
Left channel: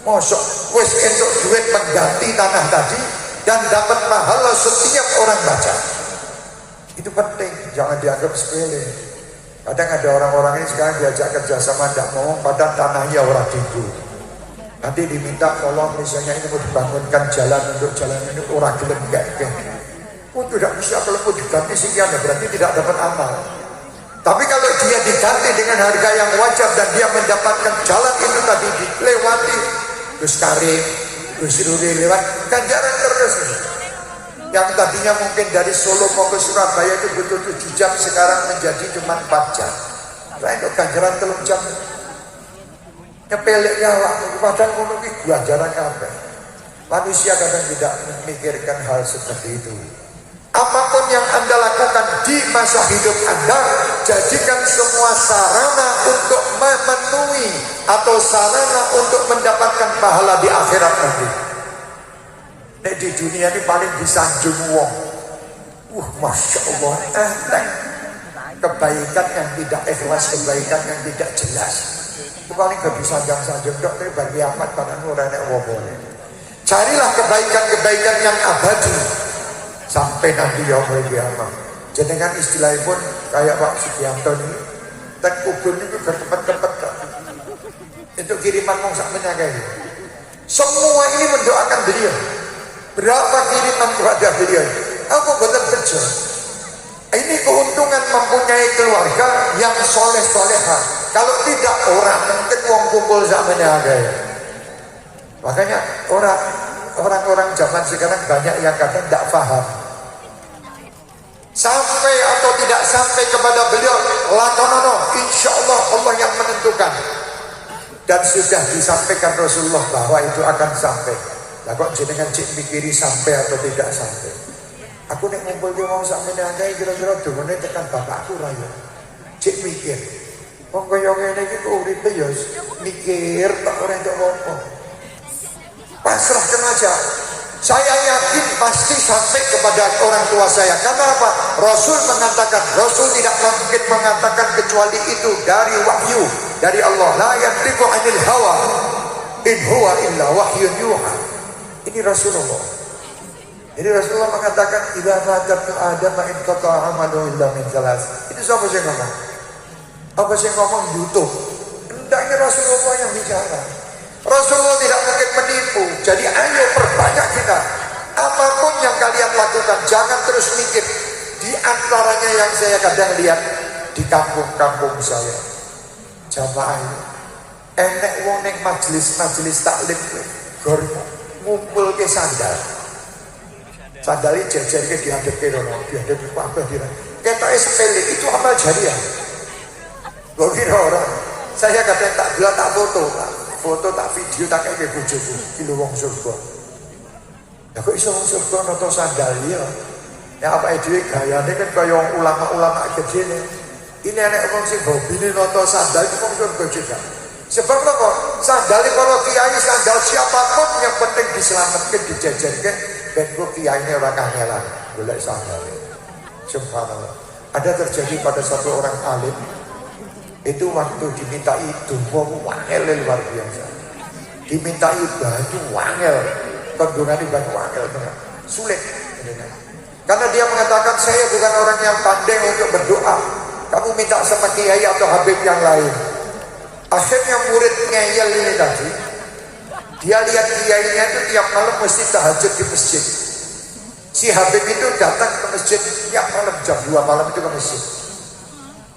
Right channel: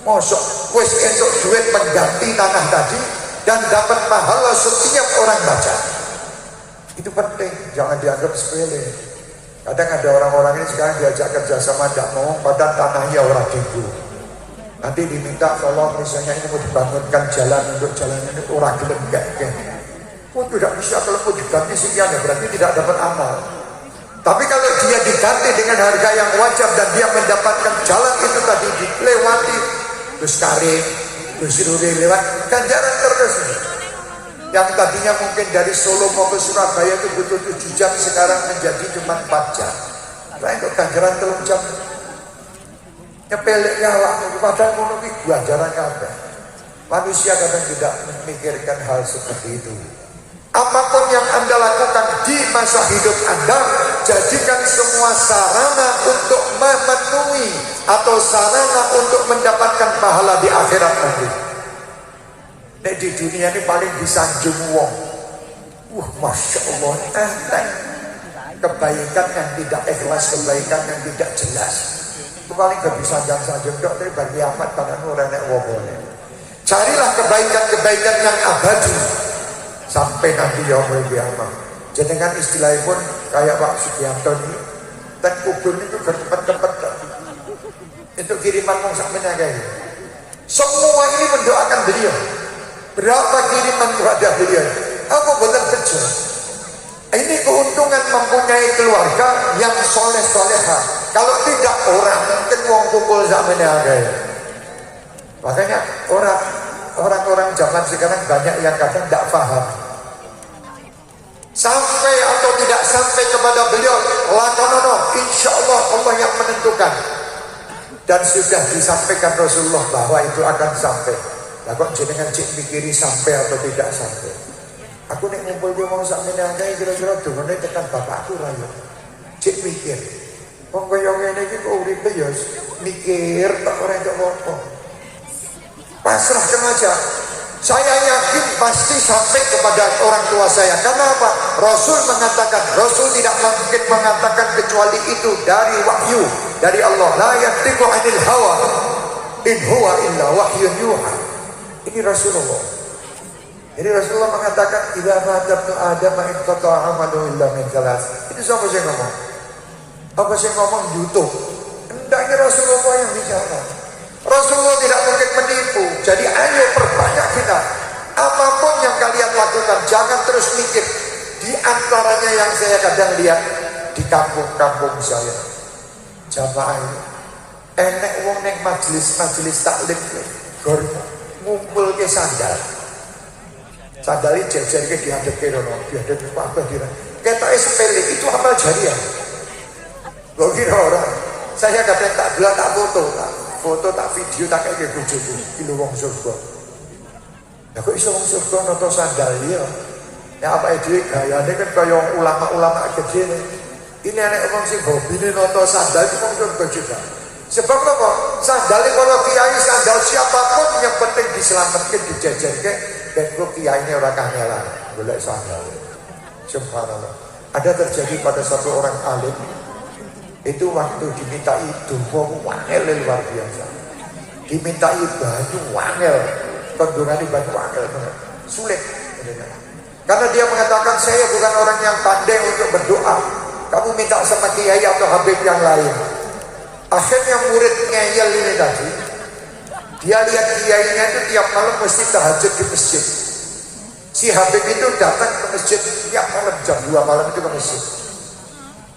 Mosok wis entuk duit mengganti tanah tadi dan dapat pahala setiap orang baca. Itu penting, jangan dianggap sepele. Kadang ada orang-orang ini sekarang diajak kerjasama tidak mau, padahal tanahnya orang dulu. Nanti diminta tolong misalnya ini mau dibangunkan jalan untuk jalan ini orang dilembek. Oh tidak bisa, kalau mau diganti sekian berarti tidak dapat amal. Tapi kalau dia diganti dengan harga yang wajar dan dia mendapatkan jalan itu tadi dilewati, terus tarik, terus lewat, ganjaran terus. Yang tadinya mungkin dari Solo mau ke Surabaya itu butuh 7 jam, sekarang menjadi cuma 4 jam. Ya itu ganjaran 3 jam. Kepeleknya lah, padahal menurut ganjaran ada. Manusia kadang tidak memikirkan hal seperti itu. Apapun yang Anda lakukan di masa hidup Anda, jadikan semua sarana untuk memenuhi atau sarana untuk mendapatkan pahala di akhirat nanti. Di dunia ini paling disanjung wong. Masya Allah, kebaikan yang tidak ikhlas, kebaikan yang tidak jelas, itu paling gak disanjung-sanjung. Ini bagi amat pada nurani wong. Carilah kebaikan-kebaikan yang abadi sampai nanti yaumul kiamah. Jenengan istilahnya pun kayak Pak Sugianto ini, dan kubun itu bertempat-tempat itu kiriman wong sakmene kayak. Semua ini mendoakan beliau. Berapa kiriman kepada beliau? Aku benar kerja. Ini keuntungan mempunyai keluarga yang soleh-solehah. Kalau tidak orang mungkin wong kumpul sakmene aja. Makanya orang-orang zaman sekarang banyak yang kadang tidak paham. Sampai atau tidak sampai kepada beliau, lakonono, insya Allah Allah yang menentukan. Dan sudah disampaikan Rasulullah bahwa itu akan sampai. Lah kok jenengan cek mikiri sampai atau tidak sampai? Aku nek ngumpul di mau sakmene akeh kira-kira dongane tekan bapakku ra yo. Cek mikir. Wong kaya ngene iki kok uripe yo mikir tak ora entuk apa. Pasrahkan aja. Saya yakin pasti sampai kepada orang tua saya. Karena apa? Rasul mengatakan, Rasul tidak mungkin mengatakan kecuali itu dari wahyu dari Allah. La yantiqu 'anil hawa in huwa illa wahyun yuha. Ini Rasulullah. Jadi Rasulullah mengatakan idza ma'adatu adama inqata 'amalu illa min salas. Ini siapa yang ngomong? Apa sih ngomong butuh? Hendaknya Rasulullah yang bicara. Rasulullah tidak mungkin menipu. Jadi ayo perbanyak kita. Apapun yang kalian lakukan, jangan terus mikir. Di antaranya yang saya kadang lihat di kampung-kampung saya, jamaah enek wong ning majelis taklim gor ngumpul ke sandal. Sandali jajar ke dihadap rono, dihadap apa kira? Kita sepele itu amal jariah. Lo kira orang, saya kadang tak bilang tak foto tak video tak kayak bojoku, kilo wong surga. Nah kok iso wong surga noto sandali ya? Ya apa itu gayane kan kaya ulama-ulama gede nih. Ini anak orang sing hobi noto sandal itu kan juga. Sebab kok sandal kalau kiai sandal siapapun yang penting diselamatkan dijajarkan dan kok kiainya ora kangelan golek sandal. Subhanallah. Ada terjadi pada satu orang alim itu waktu dimintai donga wangel luar biasa. Dimintai baju wangel, tendungan di baju wangel sulit. Karena dia mengatakan saya bukan orang yang pandai untuk berdoa. Kamu minta sama kiai atau habib yang lain. Akhirnya murid ngeyel ini tadi, dia lihat kiainya itu tiap malam mesti tahajud di masjid. Si habib itu datang ke masjid tiap malam jam 2 malam itu ke masjid.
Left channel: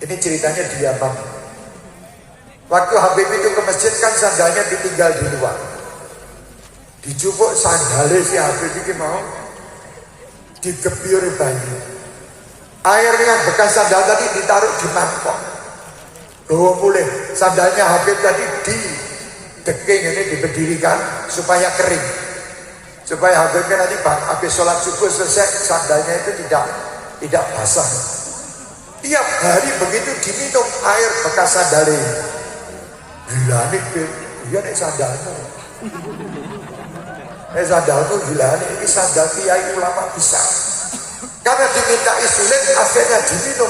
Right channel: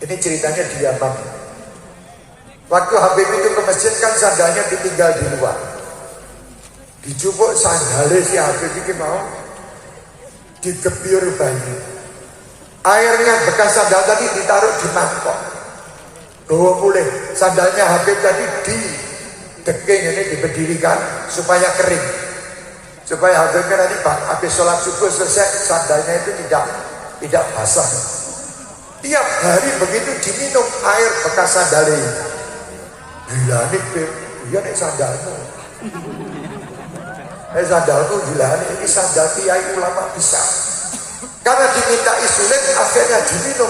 Ini ceritanya di Yaman. Waktu habib itu ke masjid kan sandalnya ditinggal di luar. Dicupuk sandalnya si habib itu mau dikepiur bayi. Airnya bekas sandal tadi ditaruh di mangkok. Bawa mulai sandalnya habib tadi di deking ini diberdirikan supaya kering. Supaya habibnya nanti habis sholat subuh selesai sandalnya itu tidak basah. Tiap hari begitu diminum air bekas sandalnya. Gila nih, iya nih sandalnya. Sandalku gila nih, ini sandal kiai ulama besar. Karena diminta sulit akhirnya diminum.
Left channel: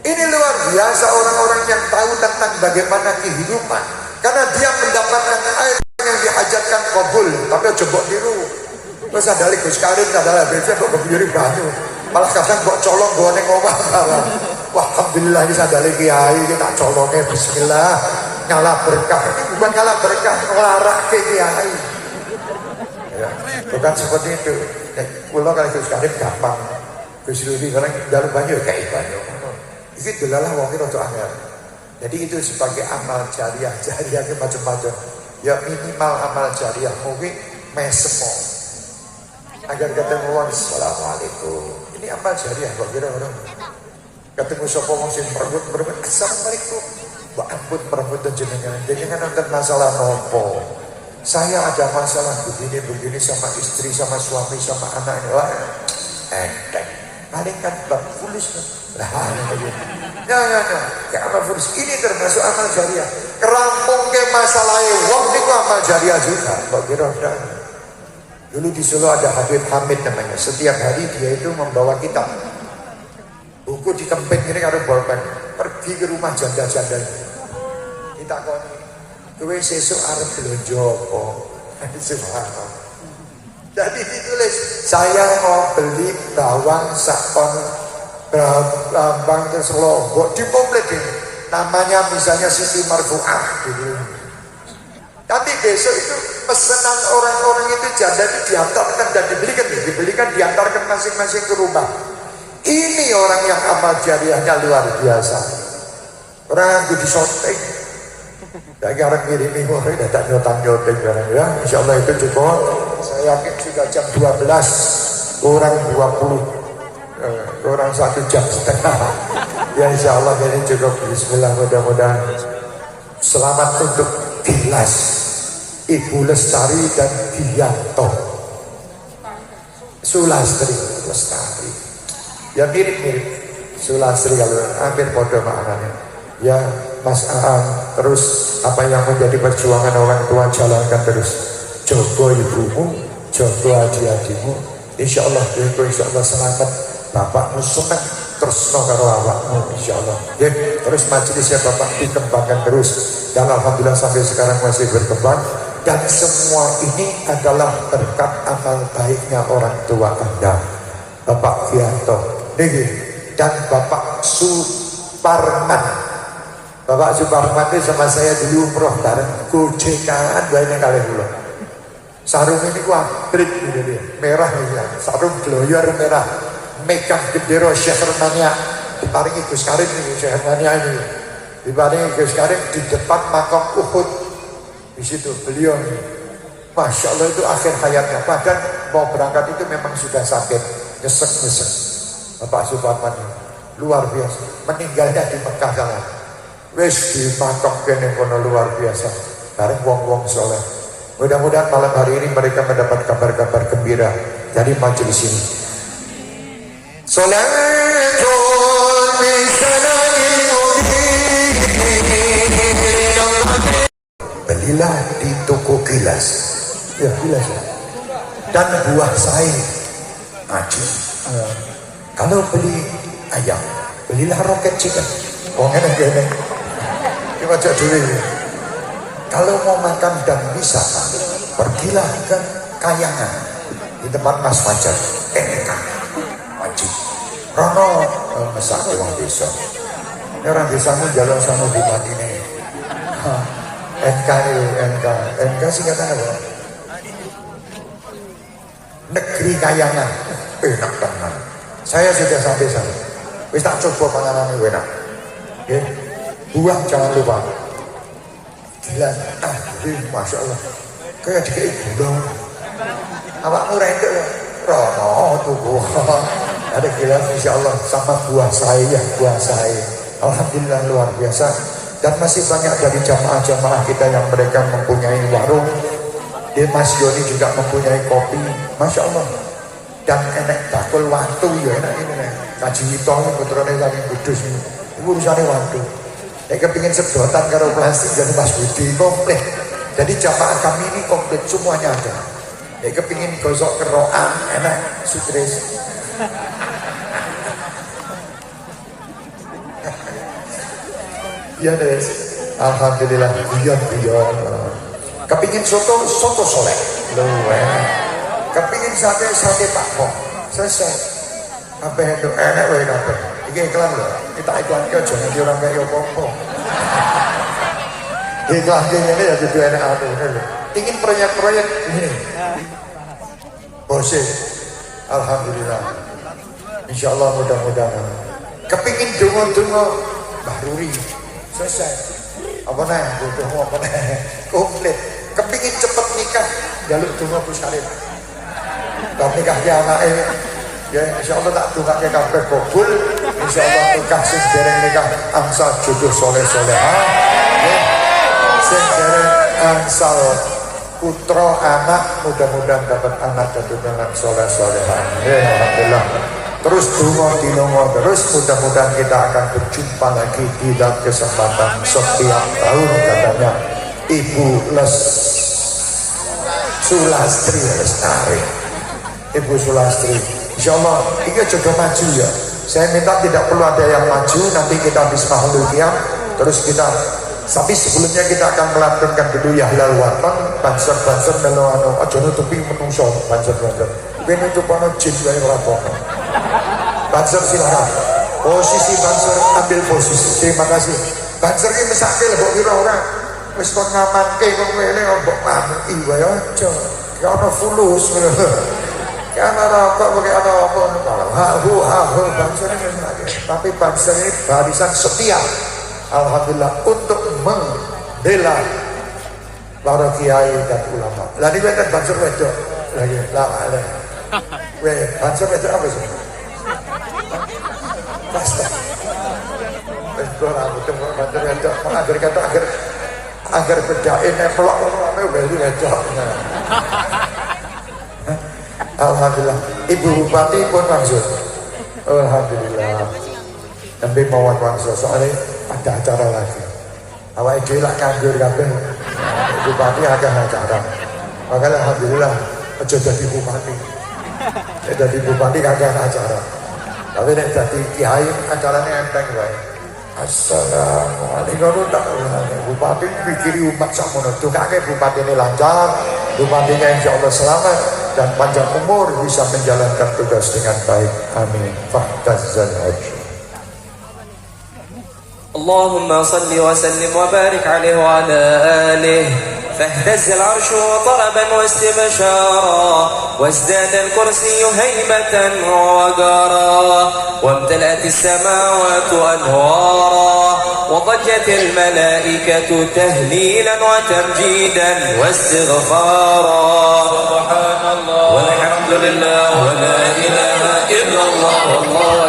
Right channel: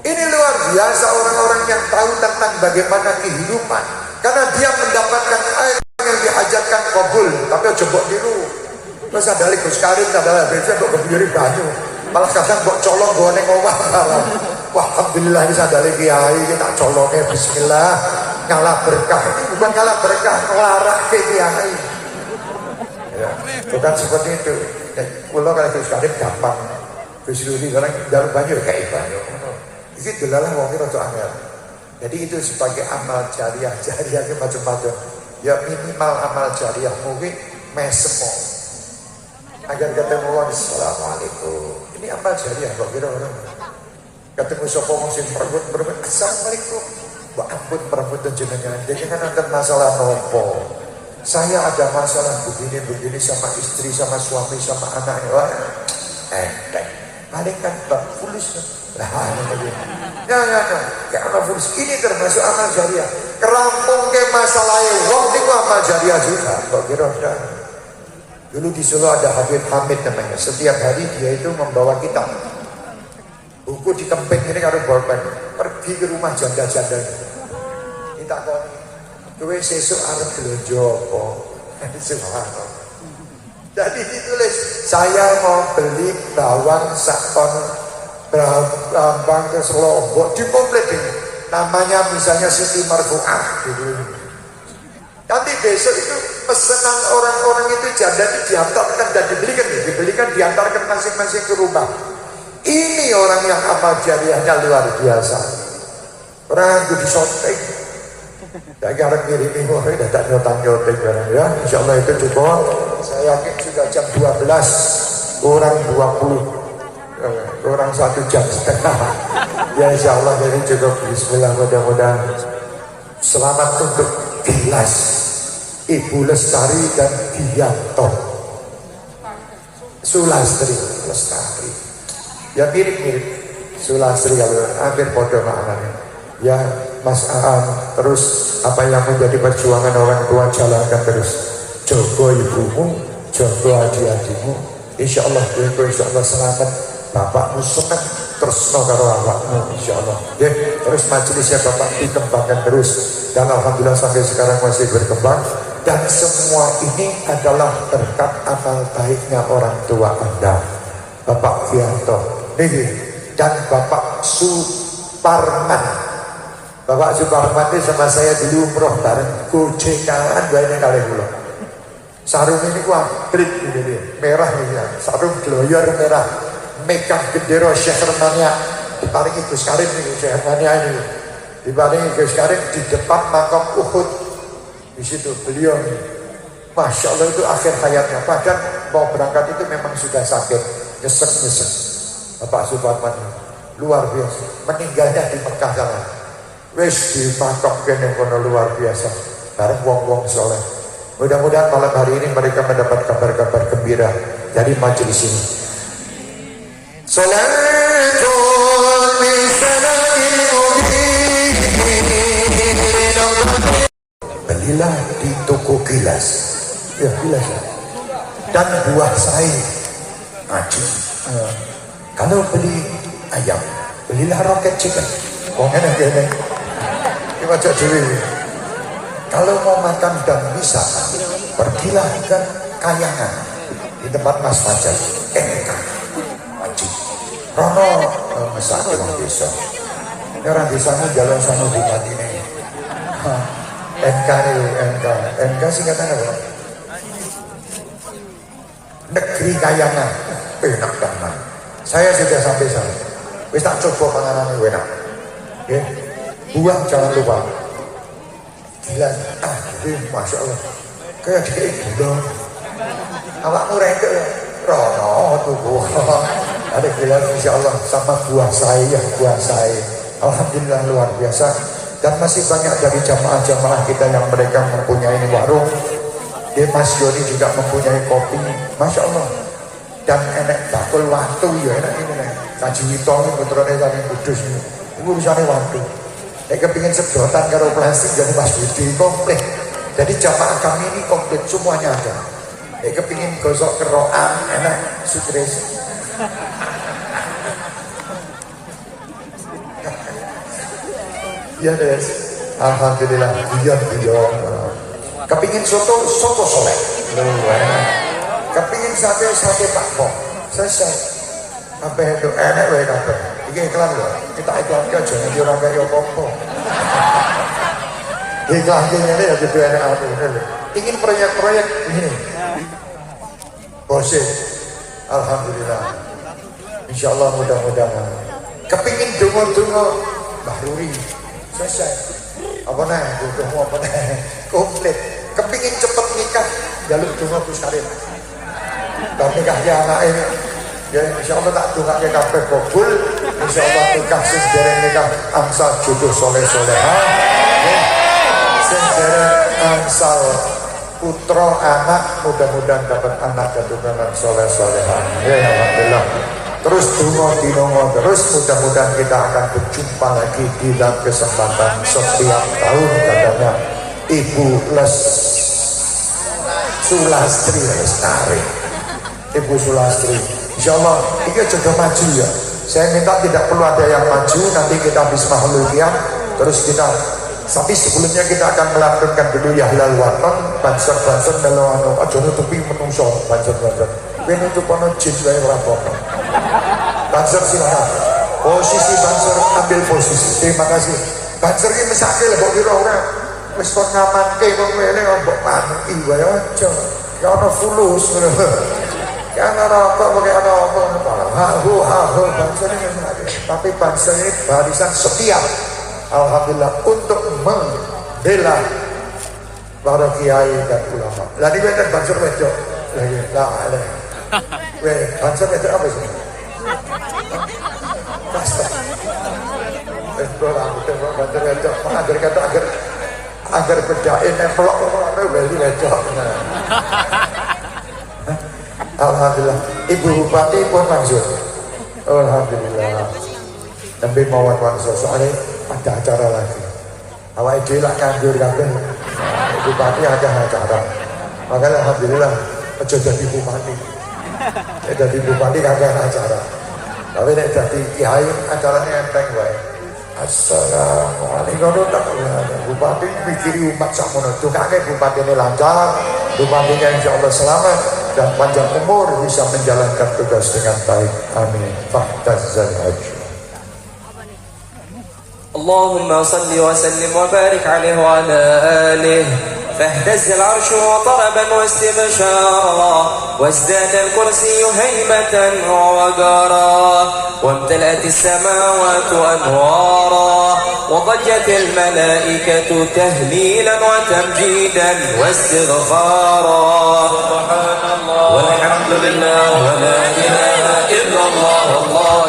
Ini luar biasa orang-orang yang tahu tentang bagaimana kehidupan. Karena dia mendapatkan air yang diajarkan kabul. Tapi coba dulu. Terus sandali Gus Karim adalah dia kok berdiri banyu. Malah kadang kok colong gue neng omah. Wah alhamdulillah ini sandali kiai kita colongnya bismillah. Ngalah berkah. Ini bukan ngalah berkah, ngelarak ke kiai. Ya, bukan seperti itu. Kalau kalau Gus Karim gampang. Gus Wili orang dalam banyu kayak banyu. Itu dilalah wong itu amal. Jadi itu sebagai amal jariah itu macam-macam. Ya minimal amal jariah mungkin mesemo. Agar ketemu orang assalamualaikum. Ini amal jariah kok kira orang. Ketemu sapa wong sing merebut assalamualaikum. Mbak ampun merebut jenengan. Jadi kan nonton masalah nopo. Saya ada masalah begini sama istri, sama suami, sama anak. Paling kan bak fulusnya. Ya, kayak amal fulus. Ini termasuk amal jariah. Kerampung ke masalahnya. Wong itu amal jariah juga. Kok kira-kira. Dulu di Solo ada Habib Hamid namanya. Setiap hari dia itu membawa kitab. Buku di tempeng ini karena bawakan. Pergi ke rumah janda-janda. Kita kok. Kowe sesuk arep belanja apa? Subhanallah. Jadi ditulis, saya mau beli bawang sakon bawang terus Lombok di komplit ini. Namanya misalnya Siti Marfu'ah gitu. Nanti besok itu pesanan orang-orang itu janda itu diantarkan dan dibelikan diantarkan masing-masing ke rumah. Ini orang yang amal jariahnya luar biasa. Orang yang di shopping. Dan karena ini orang tidak nyotang-nyotang ya. Insya Allah itu cukup. Saya yakin sudah jam 12 orang 20 orang 1 jam setengah. Ya insya Allah ini cukup. Bismillah mudah-mudahan. Selamat untuk Gilas, Ibu Lestari dan Bianto Sulastri Lestari. Ya mirip-mirip Sulastri kalau akhir podo maknanya. Ya Mas Aan, terus apa yang menjadi perjuangan orang tua jalankan terus. Jaga ibumu, jaga adik-adikmu. Insya Allah itu insya Allah selamat. Bapakmu senang terus karo awakmu insya Allah. Ya, terus majelisnya Bapak dikembangkan terus. Dan alhamdulillah sampai sekarang masih berkembang. Dan semua ini adalah berkat amal baiknya orang tua Anda, Bapak Bianto, dan Bapak Suparman. Bapak Suparman ini sama saya dulu umroh bareng gocengan banyak kali pula. Sarung ini ku abrit gitu, merah ini ya. Sarung gloyor merah, megang bendera Syekhermania. Diparingi Gus Karim ini Syekhermania ini. Diparingi Gus Karim di depan makam Uhud. Di situ beliau, masya Allah itu akhir hayatnya. Padahal mau berangkat itu memang sudah sakit, nyesek Bapak Suparman luar biasa, meninggalnya di Mekah sana. Wis dipatok kene kono luar biasa, bareng wong-wong soleh. Mudah-mudahan malam hari ini mereka mendapat kabar-kabar gembira dari majelis ini. Belilah di toko gilas, gilas ya. Dan buah sawi, aji. Kalau beli ayam, belilah roket chicken. Enak. Coba cek dulu. Kalau mau makan dan bisa, pergilah ke Kayangan di tempat Mas Fajar. Enak, aji. Rono masak orang desa. Orang desamu jalan sama di Madinah. NK sih kata apa? Negeri Kayangan, enak banget. Saya sudah sampai sana. Wis tak coba panganan enak. Ya, buang jangan lupa. Dia, masya Allah, kayak dikit gula. Awakmu rentek ya, Rono tuh buah. Ada gula insya Allah sama buah saya. Alhamdulillah luar biasa. Dan masih banyak dari jamaah-jamaah kita yang mereka mempunyai warung. Di Mas Yoni juga mempunyai kopi, masya Allah. Dan enak bakul waktu ya, enak ini ya. Kaji Hitong ini putranya dari Kudus ini, urusannya waktu. Saya kepingin sedotan karo plastik jadi Mas Budi komplit. Jadi jamaah kami ini komplit semuanya ada. Saya kepingin gosok keroan, enak sukses. Ya deh, alhamdulillah, iya. Kepingin soto soleh. Kepingin sate Pak Kong. Selesai. Apa itu enak loh apa? Ini iklan ya. Kita iklan ke jangan diorang kayak kompo. Iklan ini lagi enak apa ini. Ingin proyek-proyek ini. Bosil. Alhamdulillah. Insya Allah mudah-mudahan. Kepingin dungo-dungo Bahruri. Selesai. Apa nih? Dungo apa nih? Komplit. Kepingin cepet nikah. Jalur dungo Busarif. Tapi nikah anak ini. Ya insya Allah tak dungaknya kabeh kabul. Insya Allah nikah sing dereng nikah angsal jodoh soleh-solehan. Sing dereng angsal putra anak, mudah-mudahan dapat anak dan turunan soleh-solehan. Ya alhamdulillah. Terus dinongo terus, mudah-mudahan kita akan berjumpa lagi di dalam kesempatan setiap tahun katanya Ibu Sulastri Lestari. Ibu Sulastri, insya Allah ini juga maju ya. Saya minta tidak perlu ada yang maju, nanti kita habis mahluknya, terus kita. Tapi sebelumnya kita akan melantunkan dulu ya halal waton, banser meloano, aja nutupi menungso, banser. Ini untuk pano jin dari rapopo. Banser silahkan. Posisi banser ambil posisi. Terima kasih. Banser ini sakit lebok kira orang. Wis kon ngamante kok ngene mbok mati wae aja. Ya ana fulus ngono. Karena rokok pakai apa banser ini. Tapi banser ini barisan setia. Alhamdulillah untuk membela para kiai dan ulama. Lah ini kan banser wedok. Lah banser wedok apa sih? Banser wedok agar kata agar berjain pelok apa wedok. Alhamdulillah. Ibu Bupati pun langsung. Alhamdulillah. Nanti mawon langsung soalnya ada acara lagi. Awak itu lah nganggur kabeh. Bupati ada acara. Makanya alhamdulillah aja jadi bupati. Jadi bupati ada acara. Tapi nek jadi kiai acaranya enteng wae. Assalamualaikum warahmatullahi. Bupati pikiri umat sakmono. Dongake bupati ini lancar, bupatinya insyaallah selamat dan panjang umur bisa menjalankan tugas dengan baik. Amin. Fahtazal haji. اللهم صل وسلم وبارك عليه وعلى آله فاهتز العرش وطربا واستبشارا وازداد الكرسي هيبة ووقارا وامتلأت السماوات أنوارا وضجت الملائكة تهليلا وتمجيدا واستغفارا سبحان الله والحمد alhamdulillah wa la ilaha illallah wallahu